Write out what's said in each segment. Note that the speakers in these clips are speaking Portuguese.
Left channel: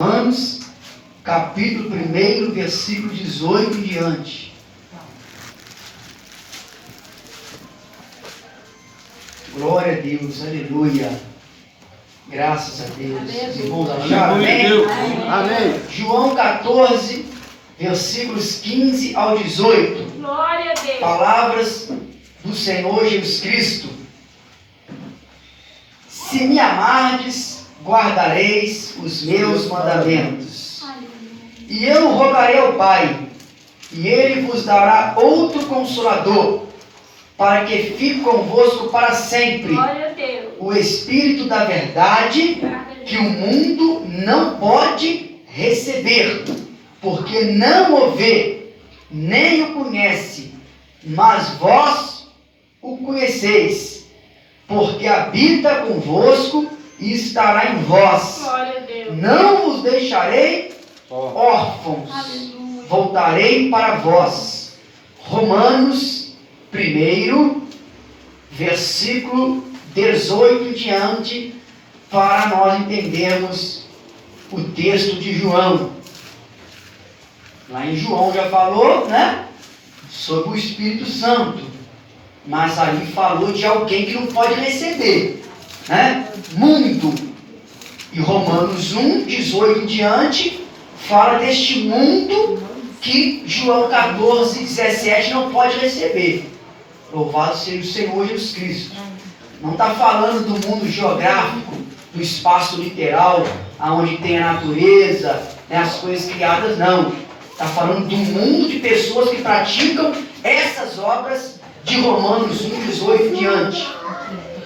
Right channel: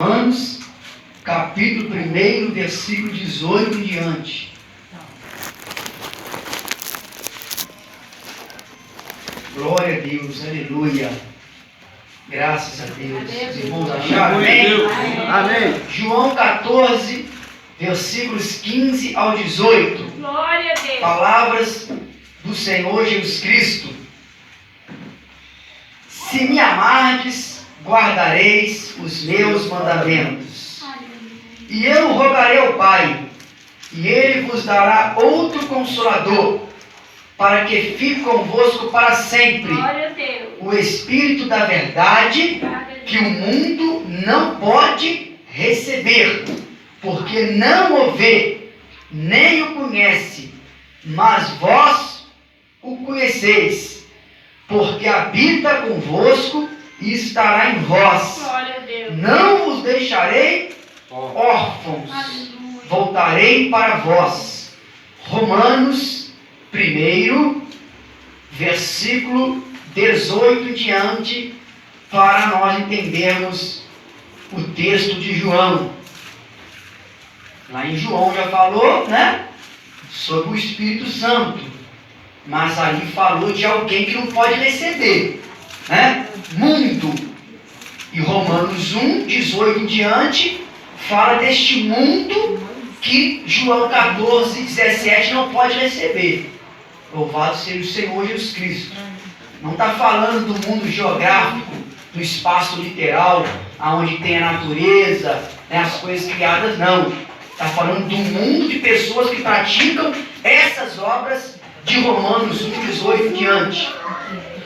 Romanos, capítulo 1, versículo 18 em diante. Glória a Deus, aleluia. Graças a Deus. Os irmãos acharam? Amém? Amém. João 14, versículos 15 ao 18. Glória a Deus. Palavras do Senhor Jesus Cristo. Se me amardes, guardareis os meus mandamentos. E eu rogarei ao Pai, e Ele vos dará outro Consolador, para que fique convosco para sempre, Glória a Deus. o Espírito da verdade, que o mundo não pode receber, porque não o vê, nem o conhece, mas vós o conheceis, porque habita convosco e estará em vós. Glória a Deus. Não vos deixarei órfãos, Aleluia. voltarei para vós. Romanos 1, versículo 18 em diante, para nós entendermos o texto de João. Lá em João já falou, né, sobre o Espírito Santo, mas ali falou de alguém que não pode receber, né, mundo. E Romanos 1, 18 em diante, fala deste mundo que João 14, 17 não pode receber. Louvado seja o Senhor Jesus Cristo. Não está falando do mundo geográfico, do espaço literal, aonde tem a natureza, né, as coisas criadas, não. Está falando do mundo de pessoas que praticam essas obras de Romanos 1, 18 em diante.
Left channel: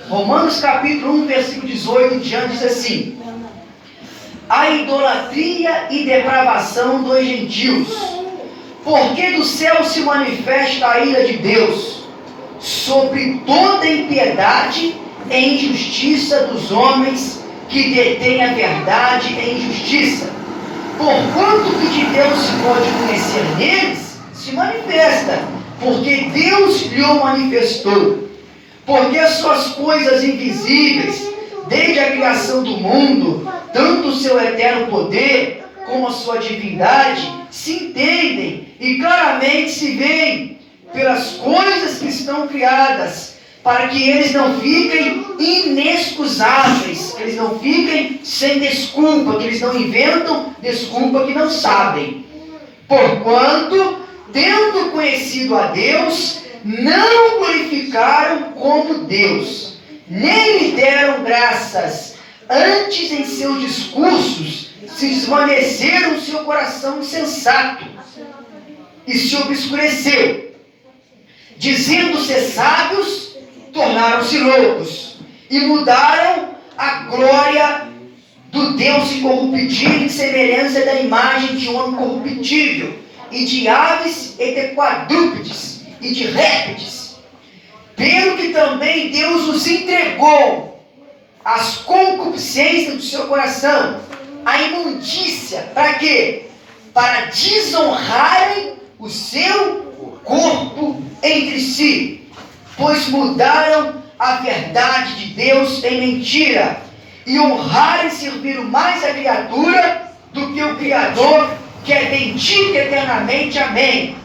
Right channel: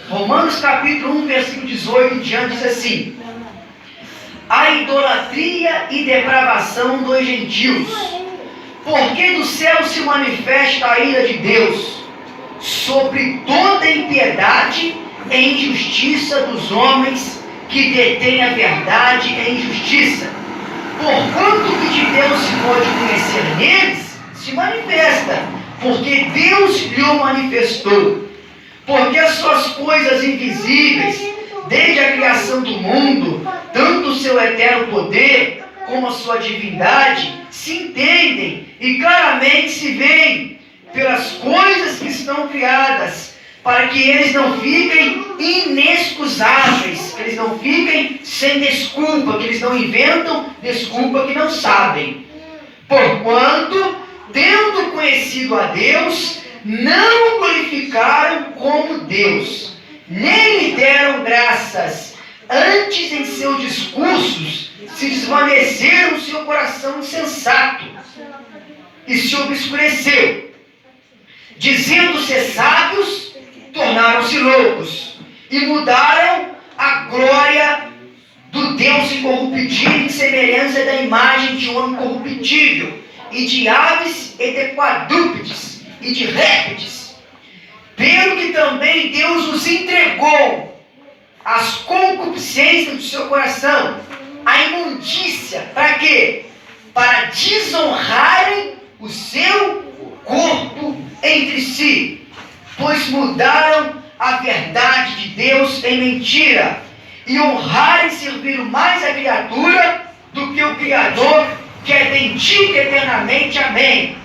Romanos capítulo 1, versículo 18 em diante diz assim: a idolatria e depravação dos gentios, porque do céu se manifesta a ira de Deus sobre toda impiedade e injustiça dos homens que detêm a verdade em justiça. Porquanto que de Deus se pode conhecer neles, se manifesta, porque Deus lhe o manifestou. Porque as suas coisas invisíveis, desde a criação do mundo, tanto o seu eterno poder como a sua divindade, se entendem e claramente se veem pelas coisas que estão criadas, para que eles não fiquem inexcusáveis, que eles não fiquem sem desculpa, que eles não inventam desculpa que não sabem. Porquanto, tendo conhecido a Deus, não o glorificaram como Deus, nem lhe deram graças, antes em seus discursos se desvaneceram o seu coração insensato e se obscureceu. Dizendo-se sábios, tornaram-se loucos e mudaram a glória do Deus incorruptível em semelhança da imagem de um homem corruptível, e de aves e de quadrúpedes e de répteis. Pelo que também Deus os entregou às concupiscências do seu coração, a imundícia, para quê? Para desonrarem o seu corpo entre si, pois mudaram a verdade de Deus em mentira, e honraram e serviram mais a criatura do que o Criador, que é bendito eternamente. Amém.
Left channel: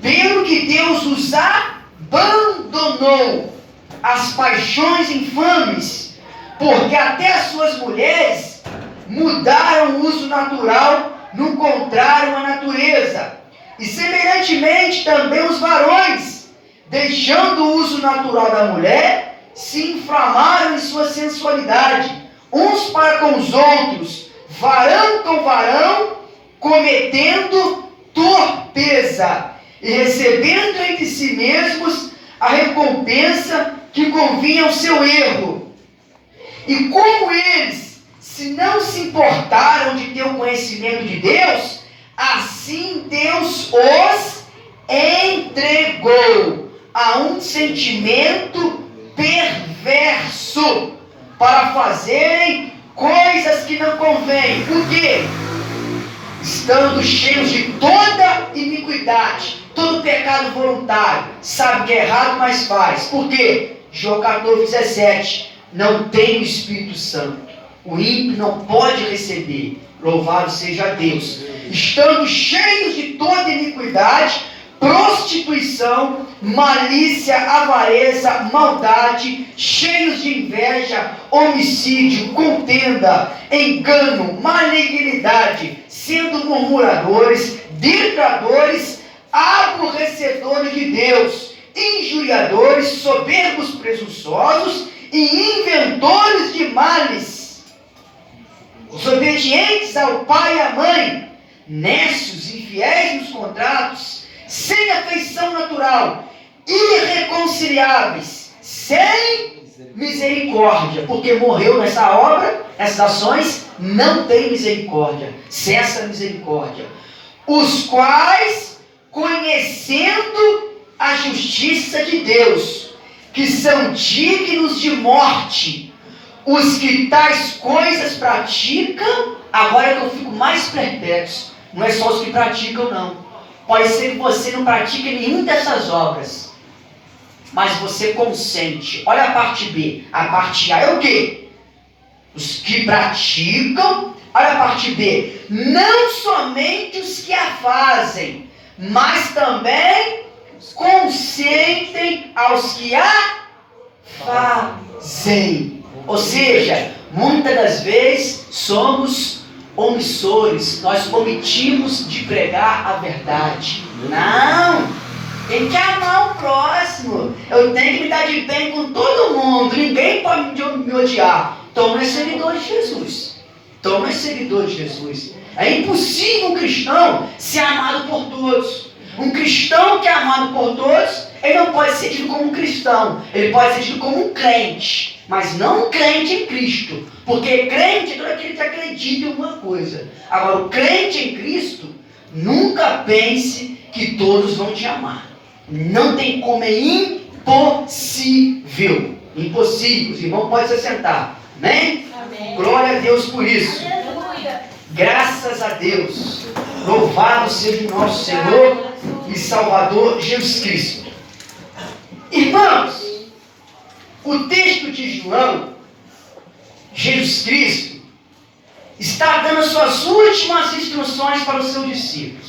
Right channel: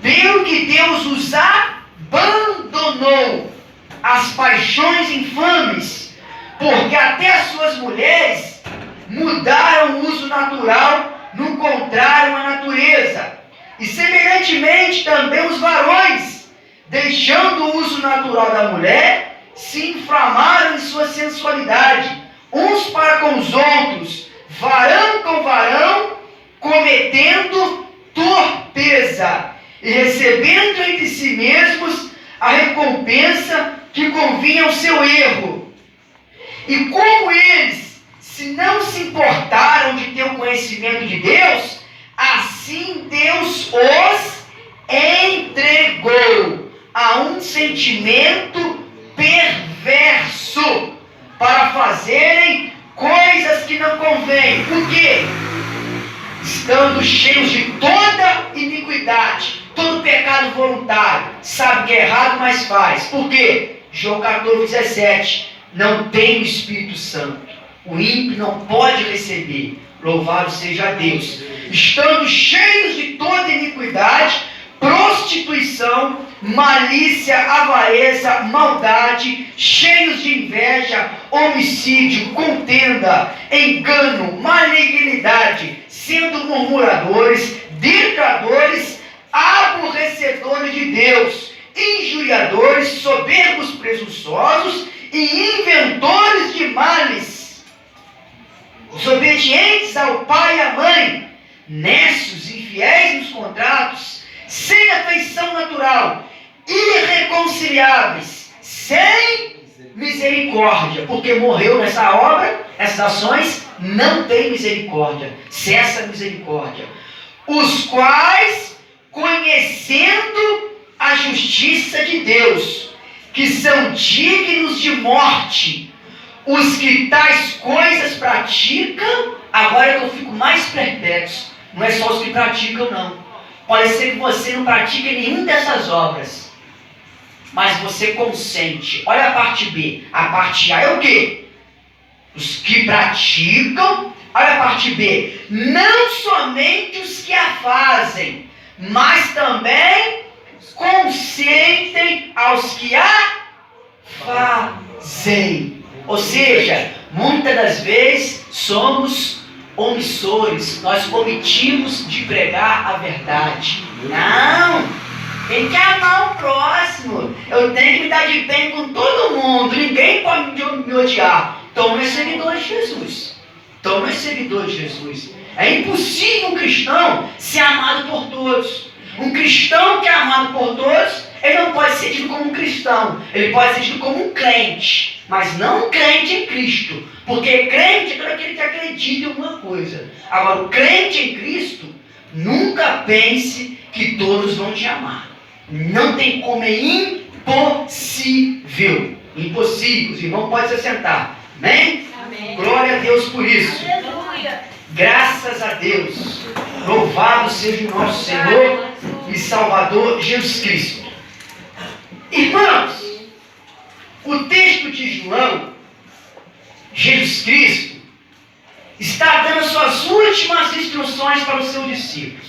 Pelo que Deus os abandonou às paixões infames, porque até as suas mulheres mudaram o uso natural, no contrário à natureza. E semelhantemente também os varões, deixando o uso natural da mulher, se inflamaram em sua sensualidade, uns para com os outros, varão com varão, cometendo torpeza, e recebendo entre si mesmos a recompensa que convinha ao seu erro. E como eles, se não se importaram de ter o conhecimento de Deus, assim Deus os entregou a um sentimento perverso, para fazerem coisas que não convêm. Por quê? Estando cheios de toda iniquidade, todo pecado voluntário, sabe que é errado, mas faz. Por quê? João 14, 17, não tem o Espírito Santo. O ímpio não pode receber. Louvado seja Deus. Estando cheios de toda iniquidade, prostituição, malícia, avareza, maldade, cheios de inveja, homicídio, contenda, engano, malignidade, sendo murmuradores, detractores, aborrecedores de Deus, injuriadores, soberbos, presunçosos e inventores de males, desobedientes ao pai e à mãe, nécios, infiéis nos contratos, sem afeição natural, irreconciliáveis, sem misericórdia, porque morreu nessa obra, nessas ações, não tem misericórdia, cessa a misericórdia, os quais, conhecendo a justiça de Deus, que são dignos de morte, os que tais coisas praticam. Agora que eu fico mais perplexo, não é só os que praticam, não. Pode ser que você não pratique nenhuma dessas obras, mas você consente. Olha a parte B. A parte A é o quê? Os que praticam. Olha a parte B. Não somente os que a fazem, mas também consentem aos que a fazem. Ou seja, muitas das vezes somos omissores, nós omitimos de pregar a verdade. Não, tem que amar o próximo, eu tenho que me dar de bem com todo mundo, ninguém pode me odiar. Então não é seguidor de Jesus. Então não é seguidor de Jesus. É impossível um cristão ser amado por todos. Um cristão que é amado por todos, ele não pode ser tido como um cristão, ele pode ser tido como um crente, mas não um crente em Cristo, porque crente é todo aquele que acredita em alguma coisa. Agora, o crente em Cristo, nunca pense que todos vão te amar. Não tem como, é impossível. Impossível, os irmãos podem se sentar. Amém? Amém. Glória a Deus por isso. Aleluia. Graças a Deus. Louvado seja o nosso Senhor e Salvador Jesus Cristo. Irmãos, o texto de João, Jesus Cristo, está dando as suas últimas instruções para os seus discípulos.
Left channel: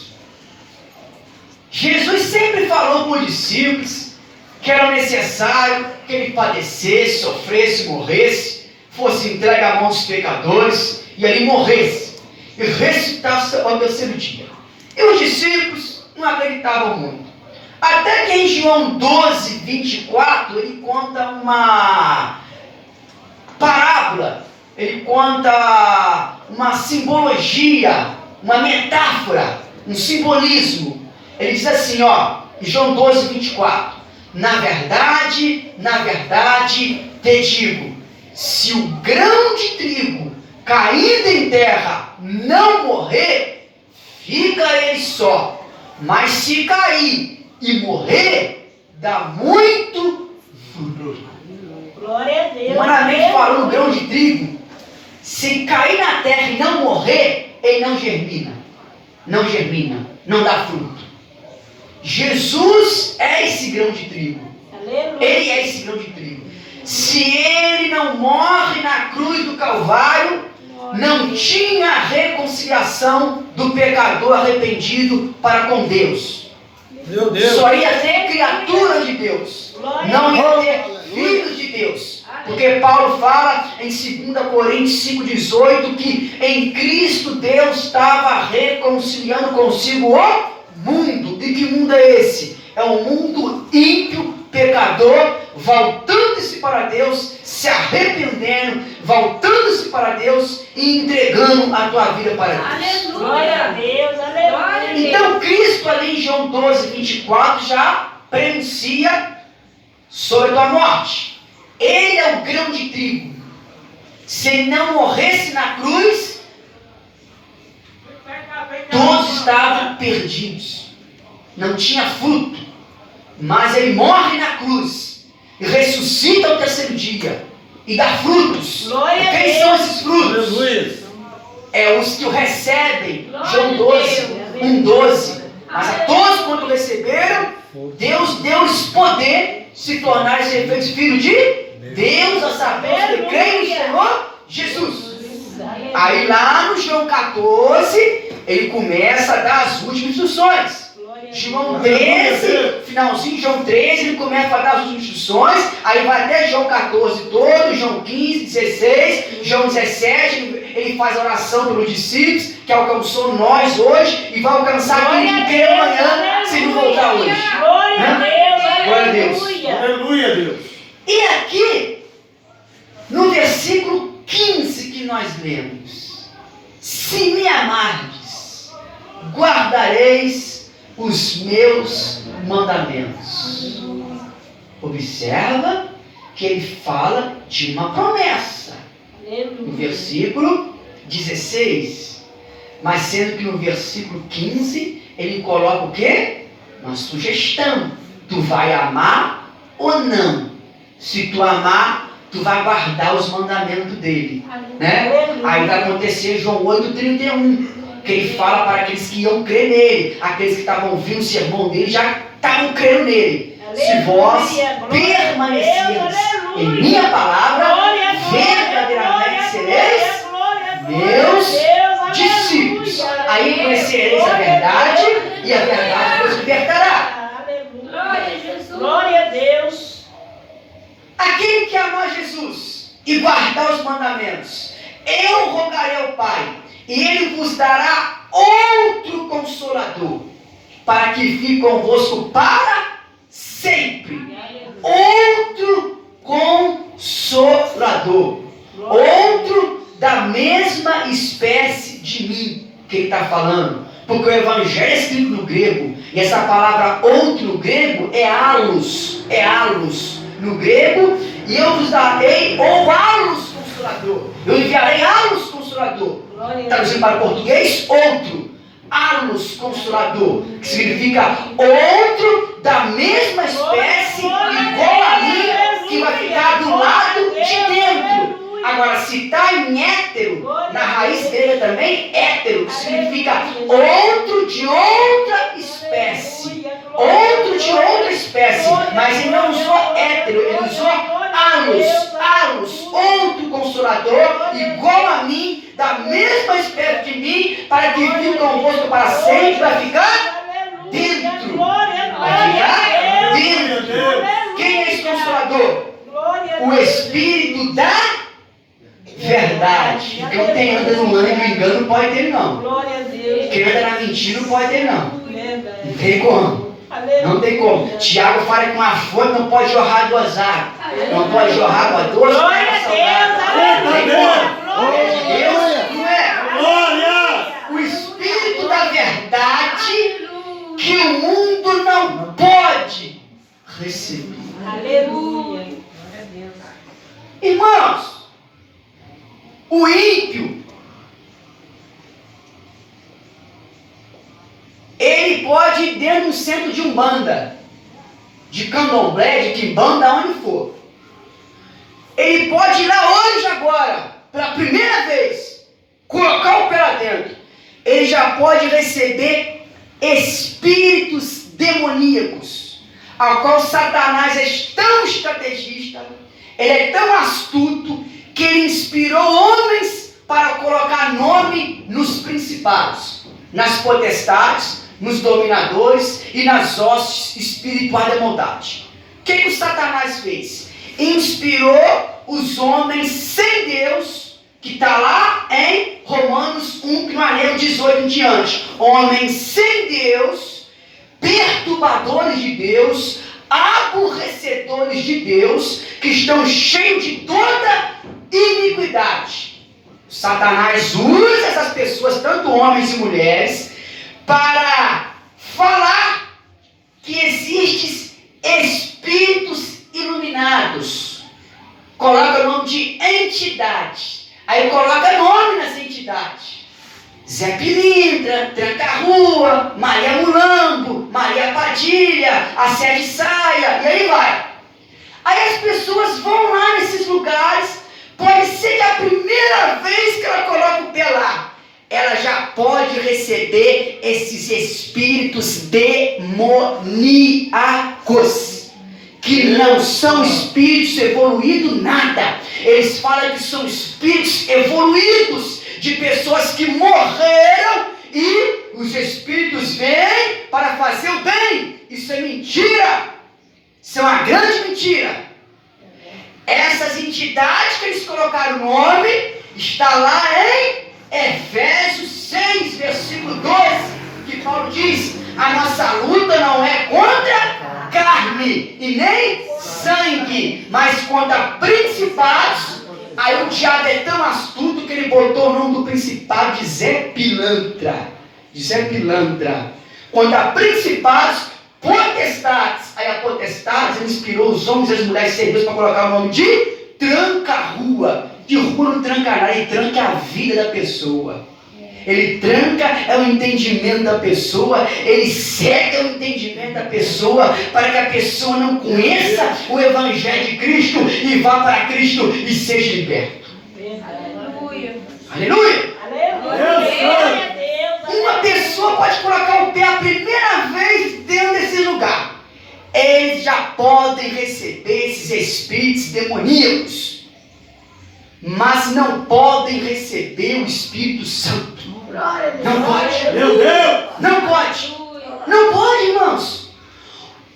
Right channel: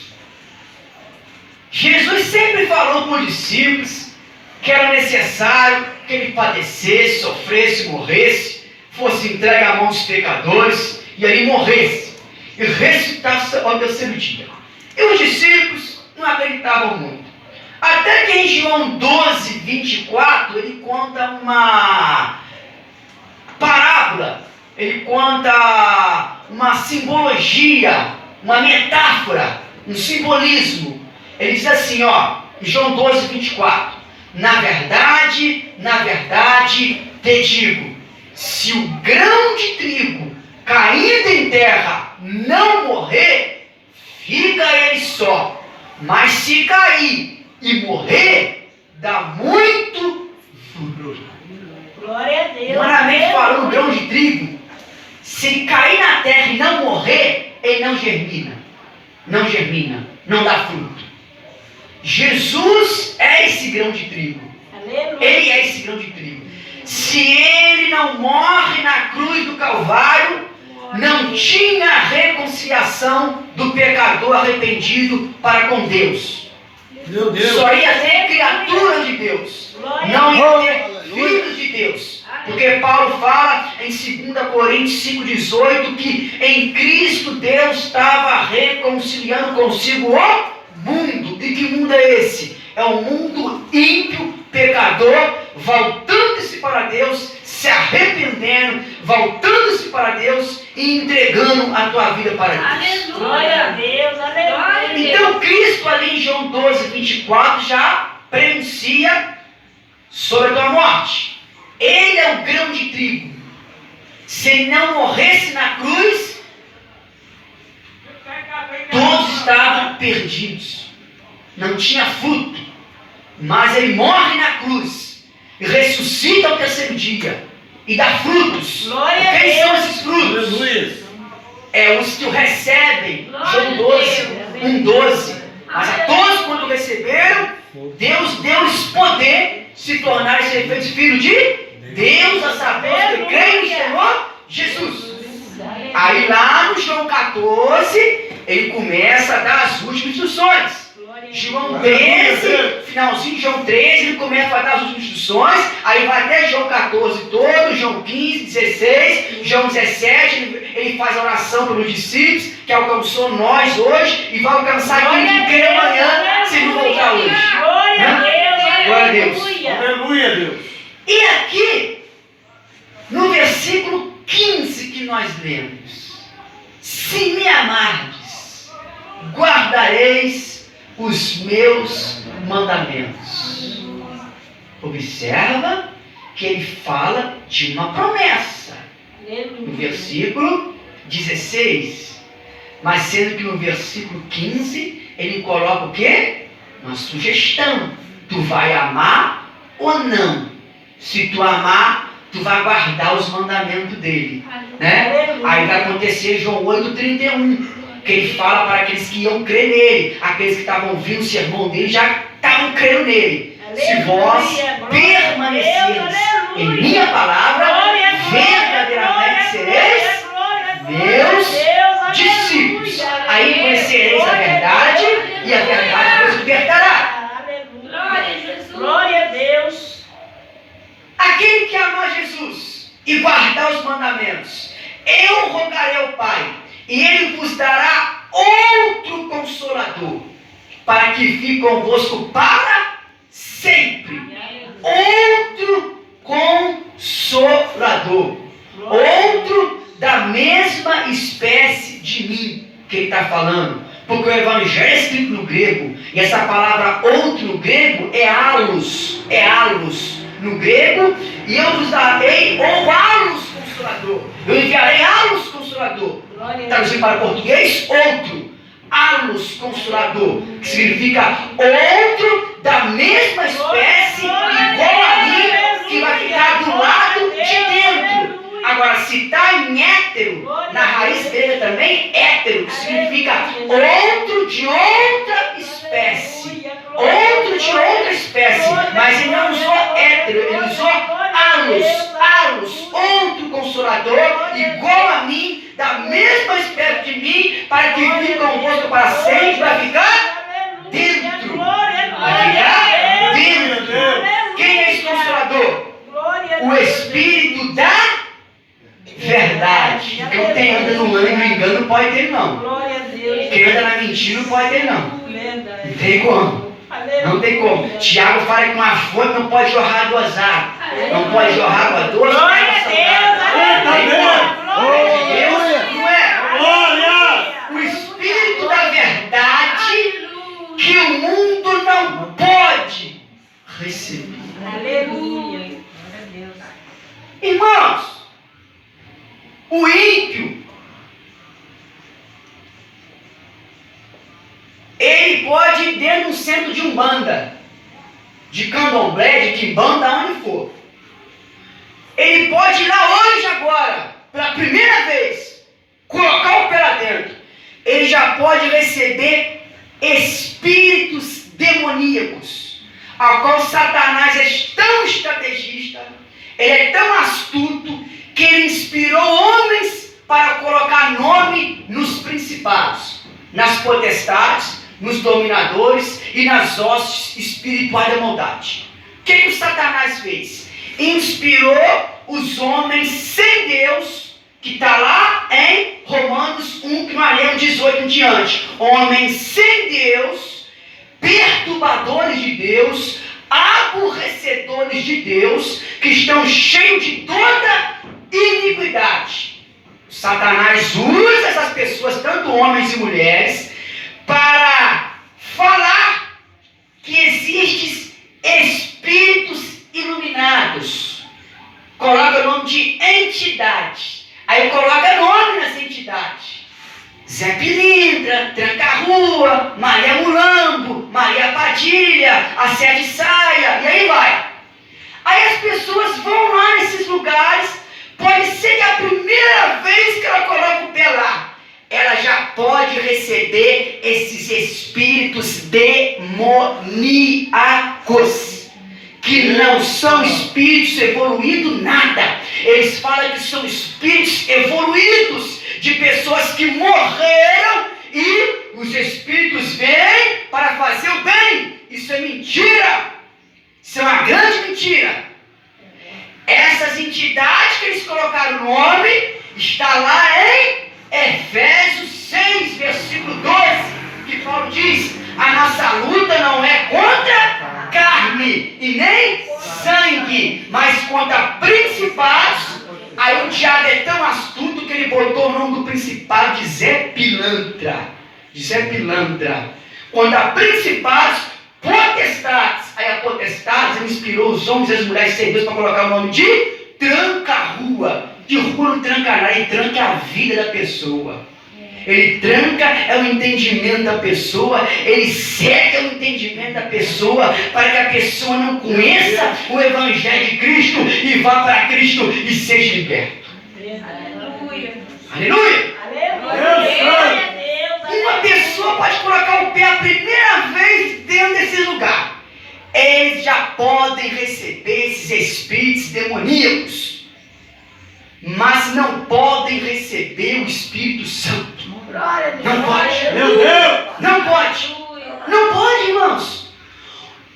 Jesus sempre falou para os discípulos que era necessário que ele padecesse, sofresse, morresse, fosse entregue à mão dos pecadores e ali morresse e ressuscitasse ao terceiro dia. E os discípulos não acreditavam muito. Até que em João 12, 24, ele conta uma parábola, ele conta uma simbologia, uma metáfora, um simbolismo. Ele diz assim, em João 12, 24, na verdade, te digo, se o grão de trigo caindo em terra não morrer, fica ele só, mas se cair e morrer, dá muito fruto. Glória a Deus. Humanamente falando, o grão de trigo, se cair na terra e não morrer, ele não germina. Não germina, não dá fruto. Jesus é esse grão de trigo. Aleluia. Ele é esse grão de trigo. Se ele não morre na cruz do Calvário, não tinha reconciliação do pecador arrependido para com Deus. Meu Deus. Só ia ter criaturas de Deus, não ia ter filhos de Deus. Porque Paulo fala em 2 Coríntios 5,18 que em Cristo Deus estava reconciliando consigo o mundo. E que mundo é esse? É um mundo ímpio, pecador, voltando-se para Deus, se arrependendo, voltando-se para Deus e entregando a tua vida para Deus. Aleluia. Glória a Deus. Aleluia. Então Cristo ali em João 12, 24 já prenuncia sobre a tua morte. Ele é o grão de trigo. Se ele não morresse na cruz, todos estavam perdidos. Não tinha fruto. Mas ele morre na cruz e ressuscita ao terceiro dia e dá frutos. Glória a Quem Deus. são esses frutos? Jesus. É os que o recebem. Glória João a 12, Deus. 1,12. Mas a todos quando receberam, Deus deu-lhes poder se tornarem ser feitos filhos de Deus, a saber, os que creem no Senhor Jesus. Aí lá no João 14, ele começa a dar as últimas instruções. João 13, finalzinho de João 13, ele começa a dar as últimas instruções, aí vai até João 14 todo, João 15, 16, João 17, ele faz a oração pelos discípulos, que alcançou nós hoje, e vai alcançar aquele que crê amanhã, se ele voltar hoje. Glória a Deus, Glória a Deus. Aleluia, Deus. E aqui, no versículo 15 que nós lemos: se me amardes, guardareis os meus mandamentos. Observa que ele fala de uma promessa. No versículo 16. Mas sendo que no versículo 15, ele coloca o quê? Uma sugestão. Tu vai amar ou não? Se tu amar, tu vai guardar os mandamentos dele. Né? Aí vai acontecer João 8,31. Que ele fala para aqueles que iam crer nele, aqueles que estavam ouvindo o sermão dele, já estavam crendo nele. Se vós permaneceres em minha palavra, verdadeiramente sereis meus discípulos. Aí conhecereis a verdade, e a verdade vos libertará. Glória a Deus. Aquele que amar Jesus e guardar os mandamentos, eu rogarei ao Pai, e Ele vos dará outro Consolador, para que fique convosco para sempre. Outro Consolador. Outro da mesma espécie de mim, que ele está falando. Porque o Evangelho é escrito no grego, e essa palavra outro no grego é allos. É allos no grego, e eu vos darei ou allos Consolador. Eu enviarei allos Consolador. Traduzindo para o português, outro. Allos Consolador, que significa outro da mesma espécie, igual a mim, que vai ficar do lado de dentro. Agora, se está em hétero, na raiz grega também, hétero, que significa outro de outra espécie. Outro de outra espécie. Mas ele não usou hétero, ele usou allos, outro Consolador, igual a mim, da mesma espécie de mim, para que fique convosco para sempre, vai ficar dentro. Vai ficar dentro. Quem é esse Consolador? O Espírito da verdade. Então quem anda no engano não pode ter não. Quem anda na mentira não pode ter não. Não tem como. Não tem como. Tiago fala que uma fonte não pode jorrar duas águas. Não pode jorrar água doce. Glória a Deus. Glória a Deus. Não é? Glória! O Espírito da verdade que o mundo não pode receber. Aleluia. Irmãos, o ímpio, ele pode ir dentro de um centro de umbanda, de candomblé, de quimbanda, onde for. Ele pode ir lá hoje, agora, pela primeira vez, colocar o pé lá dentro. Ele já pode receber espíritos demoníacos, ao qual Satanás é tão estrategista, ele é tão astuto, que ele inspirou homens para colocar nome nos principados, nas potestades, nos dominadores e nas hostes espirituais da maldade. O que o Satanás fez? Inspirou os homens sem Deus, que está lá em Romanos 1, que nós lemos 18 em diante. Homens sem Deus, perturbadores de Deus, aborrecedores de Deus, que estão cheios de toda iniquidade. Satanás usa essas pessoas, tanto homens e mulheres, para falar que existem espíritos iluminados. Coloca o nome de entidade. Aí coloca nome nessa entidade. Zé Pilintra, Tranca-Rua, Maria Mulambo, Maria Padilha, a Sede Saia, e aí vai. Aí as pessoas vão lá nesses lugares, pode ser que a primeira vez que ela coloca o pé lá, ela já pode receber esses espíritos demoníacos, que não são espíritos evoluídos, nada. Eles falam que são espíritos evoluídos, de pessoas que morreram e os espíritos vêm para fazer o bem. Isso é mentira. Isso é uma grande mentira. Essas entidades que eles colocaram o nome, está lá em Efésios 6, versículo 12, que Paulo diz: a nossa luta não é contra carne e nem sangue, mas contra principados. Aí o diabo é tão astuto que ele botou o nome do principado de Zé Pilantra. De Zé Pilantra. Contra principados, potestades. Aí a potestades, ele inspirou os homens e as mulheres sem Deus para colocar o nome de tranca-rua. De rua não tranca nada, ele tranca a vida da pessoa. Ele tranca é o entendimento da pessoa, ele cega o entendimento da pessoa, para que a pessoa não conheça o Evangelho de Cristo e vá para Cristo e seja liberto. Aleluia. Aleluia! Aleluia. Uma pessoa pode colocar o pé a primeira vez dentro desse lugar. Eles já podem receber esses espíritos demoníacos, mas não podem receber o Espírito Santo. Não pode. Meu Deus! Não pode. Não pode, irmãos.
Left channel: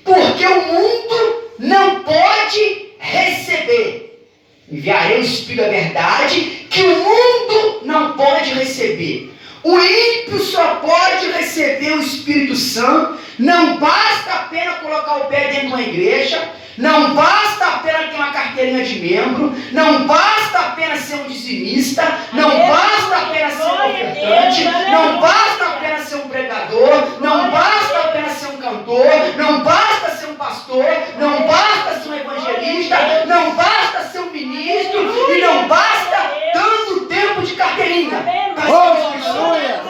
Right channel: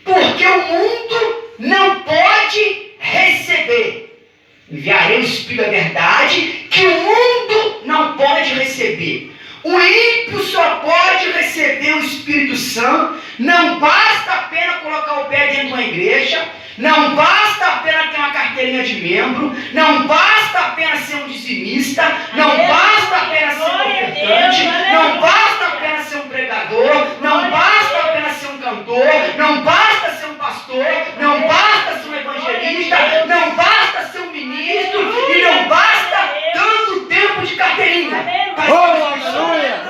Porque o mundo não pode receber. Enviarei o Espírito da verdade que o mundo não pode receber. O ímpio só pode receber o Espírito Santo. Não basta apenas colocar o pé dentro de uma igreja. Não basta apenas ter uma carteirinha de membro. Não basta apenas ser um dizimista. Não basta apenas ser um ofertante. Não basta apenas ser um pregador. Não basta apenas ser um cantor. Não basta ser um pastor. Não basta ser um evangelista. Não basta ser um ministro. E não basta tanto tempo de carteirinha. Aleluia!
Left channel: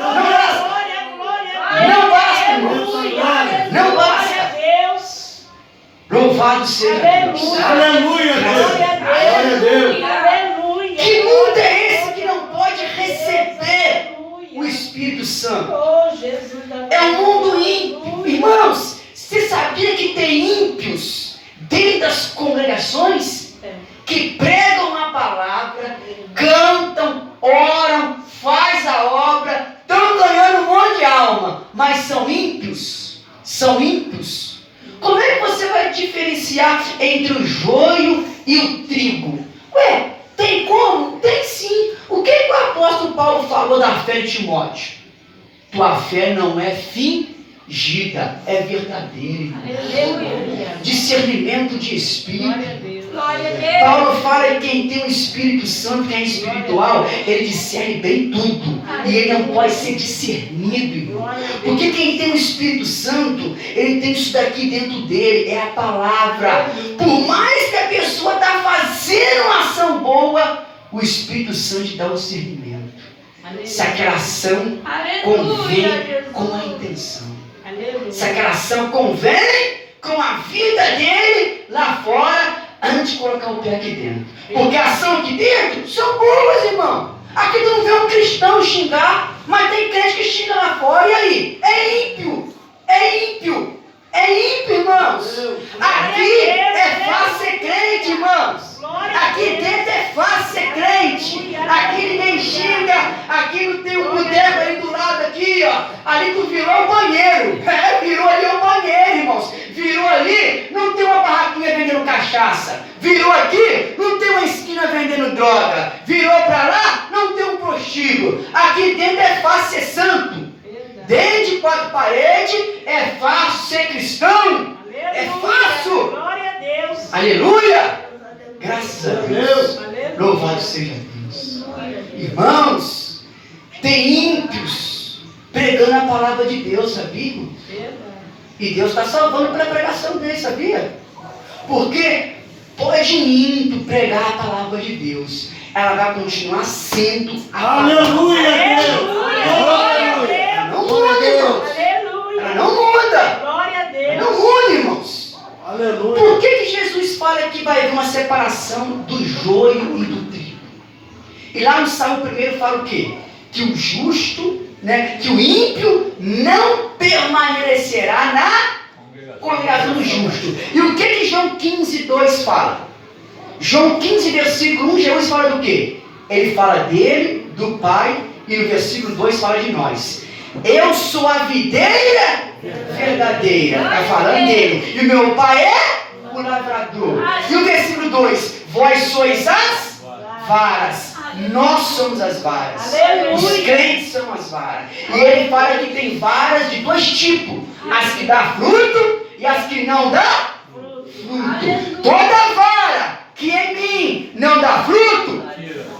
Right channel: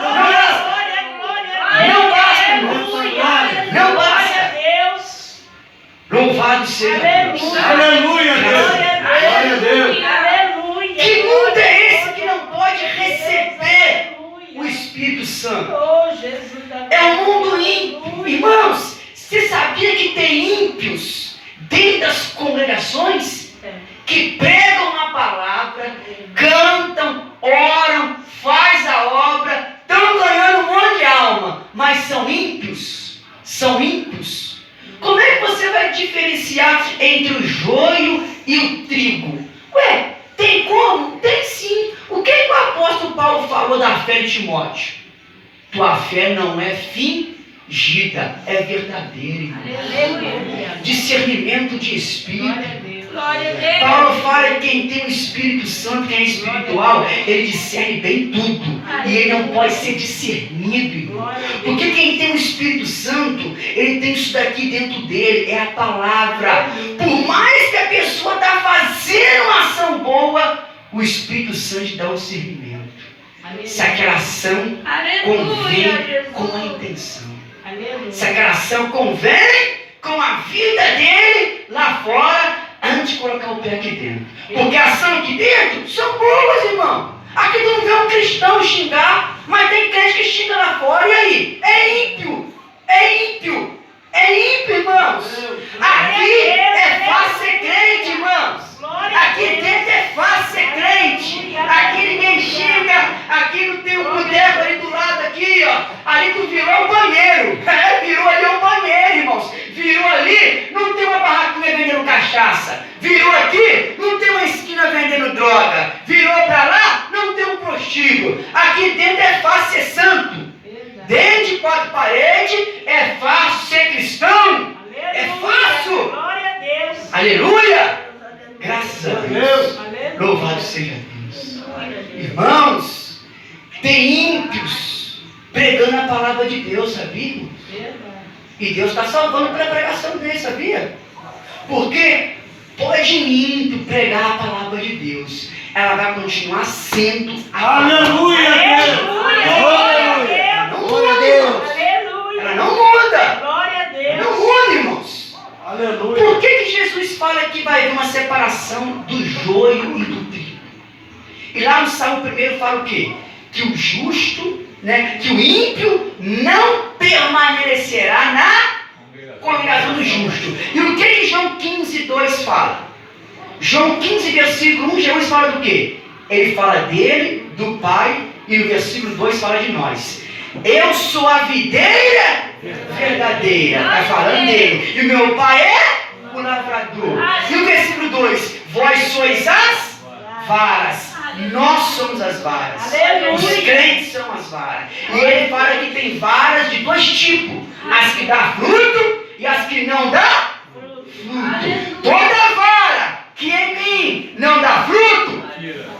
Não basta, irmãos. Não basta. Louvado seja Deus. Aleluia, Deus! Glória a Deus! Aleluia. Que mundo é esse que não pode receber o Espírito Santo? Oh, Jesus. É um mundo ímpio. Irmãos, você sabia que tem ímpios dentro das congregações que pregam a palavra, cantam, oram, faz a obra, estão ganhando um monte de alma, mas são ímpios? São ímpios. Como é que você vai diferenciar entre o joio e o trigo? Ué, tem como? Tem sim. O que o apóstolo Paulo falou da fé de Timóteo? Tua fé não é fingida, é verdadeira. Aleluia. Discernimento de espírito. Glória a Deus. Paulo fala que quem tem o Espírito Santo, quem é espiritual, ele discerne bem tudo. E ele não pode ser discernido, irmão. Porque quem tem o Espírito Santo, ele tem isso daqui dentro dele, é a palavra. Por mais que a pessoa está fazendo uma ação boa, o Espírito Santo dá o discernimento. Se aquela ação convém com a intenção. Se aquela ação convém com a vida dele lá fora, antes de colocar o pé aqui dentro. Porque a ação aqui dentro são boas, irmão. Aqui tu não vê um cristão xingar, mas tem crente que xinga lá fora. E aí? É ímpio. É ímpio. É ímpio, irmãos. Aqui é fácil ser crente, irmãos. Aqui dentro é fácil ser crente. Aqui ninguém xinga. Aqui não tem um boteco ali do lado aqui, ó. Ali tu virou um banheiro. Virou ali um banheiro, irmãos. Virou ali, não tem uma barraquinha vendendo cachaça. Virou aqui, não tem uma esquina vendendo droga. Virou pra lá, não tem um prostíbulo. Aqui dentro é fácil ser santo. Dentro de quatro paredes é fácil ser cristão. É fácil. Glória a Deus. Aleluia. Graças a Deus. Aleluia. Louvado seja Deus. Irmãos, tem ímpios pregando a palavra de Deus, sabia? E Deus está salvando pela pregação dele, sabia? Porque pode ímpio pregar a palavra de Deus, ela vai continuar sendo a Aleluia, Deus! Glória Ela não Glória a muda, Deus. irmãos. Aleluia. Ela não muda. Glória a Deus. Não muda, irmãos. Aleluia! Por que Jesus fala que vai haver uma separação do joio e do trigo? E lá no Salmo 1 fala o quê? Que o justo, que o ímpio não permanecerá na congregação do justo. E o que João 15, 2 fala? João 15, versículo 1, Jesus fala do quê? Ele fala dele, do Pai, e no versículo 2 fala de nós. Eu sou a videira verdadeira, está falando dele. E o meu Pai é o lavrador. E o versículo 2, vós sois as varas. Nós somos as varas. Aleluia. Os crentes são as varas. E ele fala que tem varas de dois tipos: as que dão fruto e as que não dão fruto. Toda vara que em mim não dá fruto,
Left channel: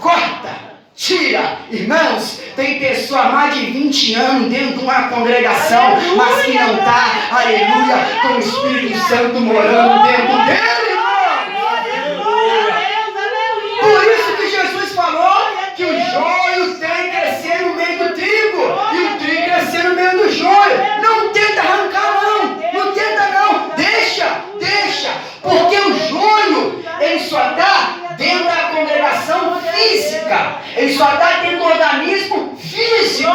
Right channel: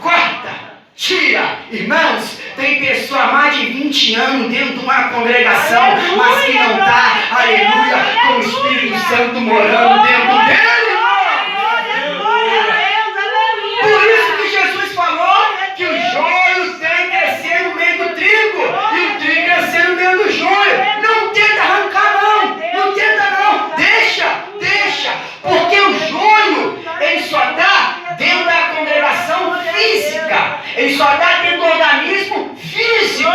corta, tira. Irmãos, tem pessoa há mais de 20 anos dentro de uma congregação, mas que não está, aleluia, com o Espírito Santo morando dentro dele, irmão. Por isso que Jesus falou que o joio tem que crescer no meio do trigo e o trigo crescer no meio do joio. Não tenta arrancar, não tenta não, deixa, porque o joio, ele só está dentro da congregação física, ele só está dentro do organismo físico,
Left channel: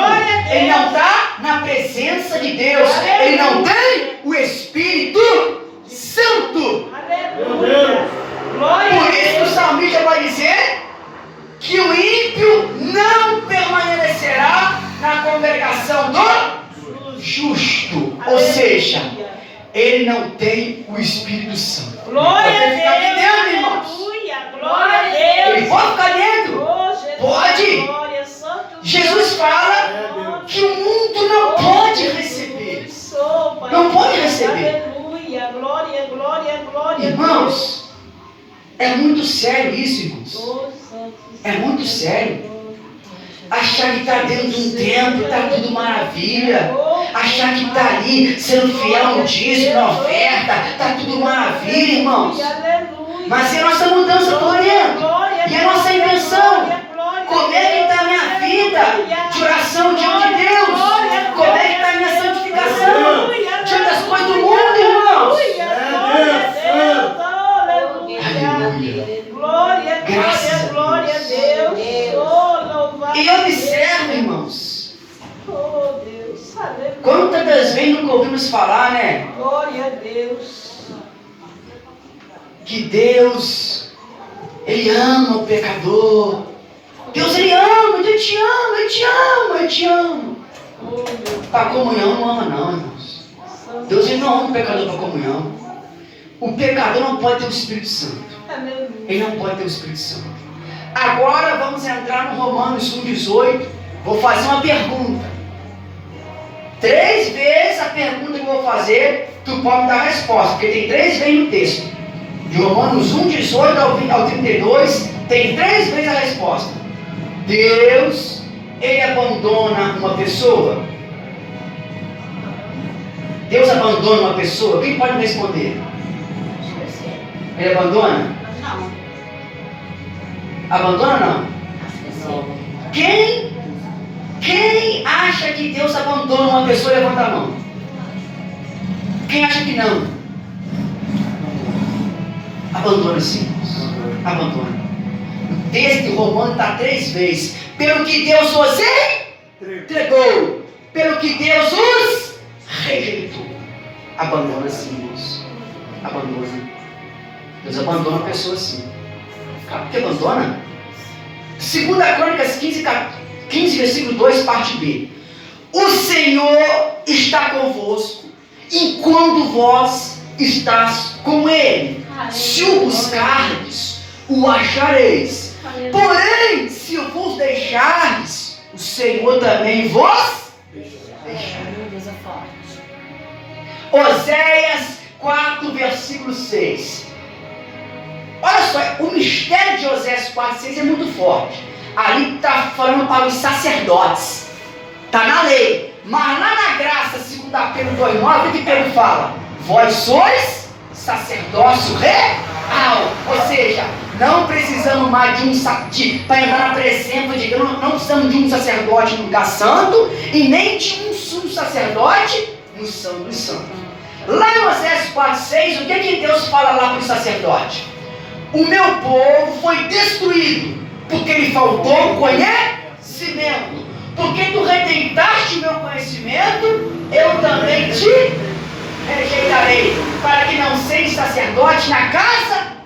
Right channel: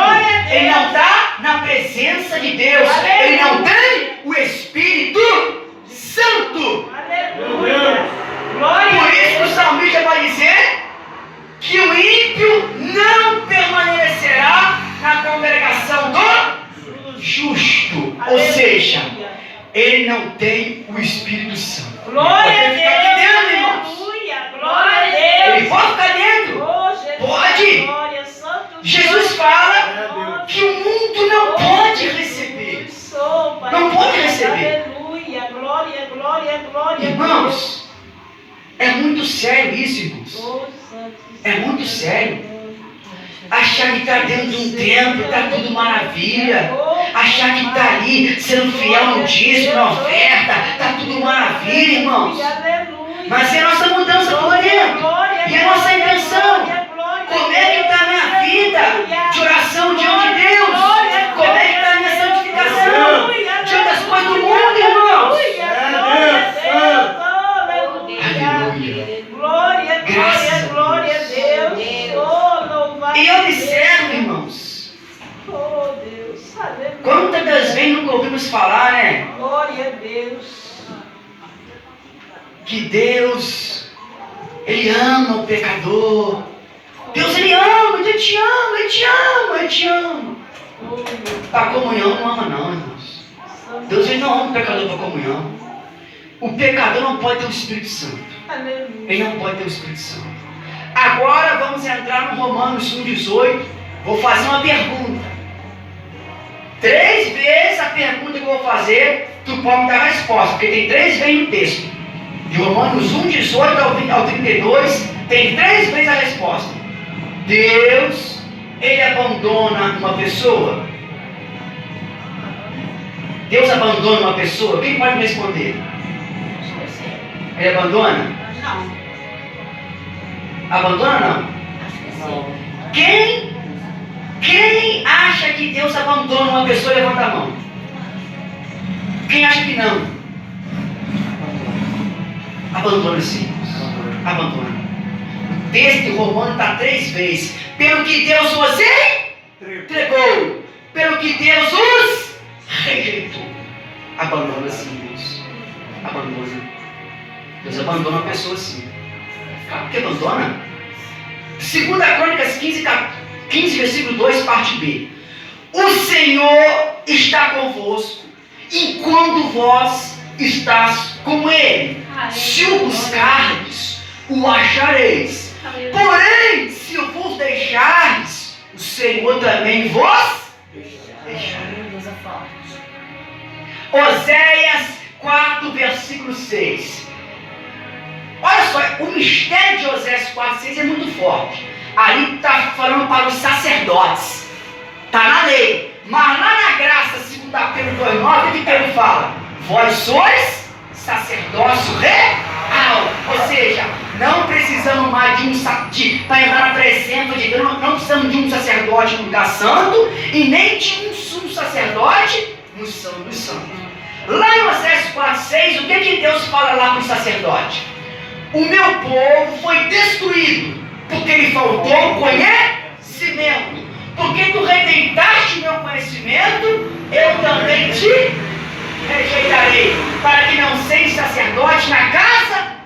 ele não está na presença de Deus, ele não tem o Espírito Santo. Por isso que o salmista vai dizer que o ímpio não permanecerá na congregação do justo, ou seja, ele não tem o Espírito Santo. Glória a Ele fica aqui Deus. dentro, irmãos. Glória a Deus. Ele pode ficar dentro. Pode. Glória, Santo Jesus fala que o mundo não pode receber. Não pode receber. Aleluia. Glória. Irmãos, é muito sério isso, irmãos. É muito sério. Achar que está dentro de um templo, está tudo maravilha. Achar que está ali sendo fiel no dízimo, na oferta, está tudo maravilha, irmãos. Mas é a nossa mudança por dentro. E a nossa intenção. Como é que está a minha vida de oração diante de Deus? Como é que está a minha santificação diante das coisas do mundo, irmãos? Aleluia. Glória a Deus. Oh, louvado. E observe, irmãos, Oh, Deus. Aleluia. quantas vezes nunca ouvimos falar, né? Glória a Deus. Que Deus, Ele ama o pecador. Deus, Ele ama, Ele te ama, Ele te ama, Ele te ama. Oh, meu Para comunhão não ama não, irmãos. Deus, Ele não ama o pecador para comunhão. O pecador não pode ter o Espírito Santo. Aleluia. Ele não pode ter o Espírito Santo. Agora vamos entrar no Romanos 1,18. Vou fazer uma pergunta. 3 vezes a pergunta que eu vou fazer, tu pode me dar a resposta, porque tem 3 vezes no texto. De Romanos 1,18 ao 32, tem 3 vezes a resposta. Deus, Ele abandona uma pessoa? Deus abandona uma pessoa? Quem pode me responder? Ele abandona? Não. Abandona não? Acho que sim. Quem acha que Deus abandona uma pessoa, levanta a mão. Quem acha que não? Abandona sim. Abandona. O texto de Romanos está 3 vezes. Pelo que Deus os entregou, pelo que Deus os rejeitou. Abandona sim, irmãos. Abandona. Deus abandona a pessoa sim. Sabe por que abandona? 2 Crônicas 15, versículo 2, parte B. O Senhor está convosco, enquanto vós estás com Ele. Se o buscardes, o achareis. Porém, se o vos deixardes, o Senhor também vos deixará. Oséias 4, versículo 6. Olha só, o mistério de Oséias 4, 6 é muito forte. Ali está falando para os sacerdotes. Está na lei. Mas lá na graça, 2 Pedro 2,9, o que Pedro fala? Vós sois sacerdócio real. Ou seja, não precisamos mais para entrar na presença de Deus, não precisamos de um sacerdote no lugar santo e nem de um sumo sacerdote no Santo dos Santos. Lá em Oséias 4,6, o que Deus fala lá para o sacerdote? O meu povo foi destruído, porque lhe faltou conhecimento. Porque tu rejeitaste o meu conhecimento, eu também te rejeitarei, para que não seja sacerdote na casa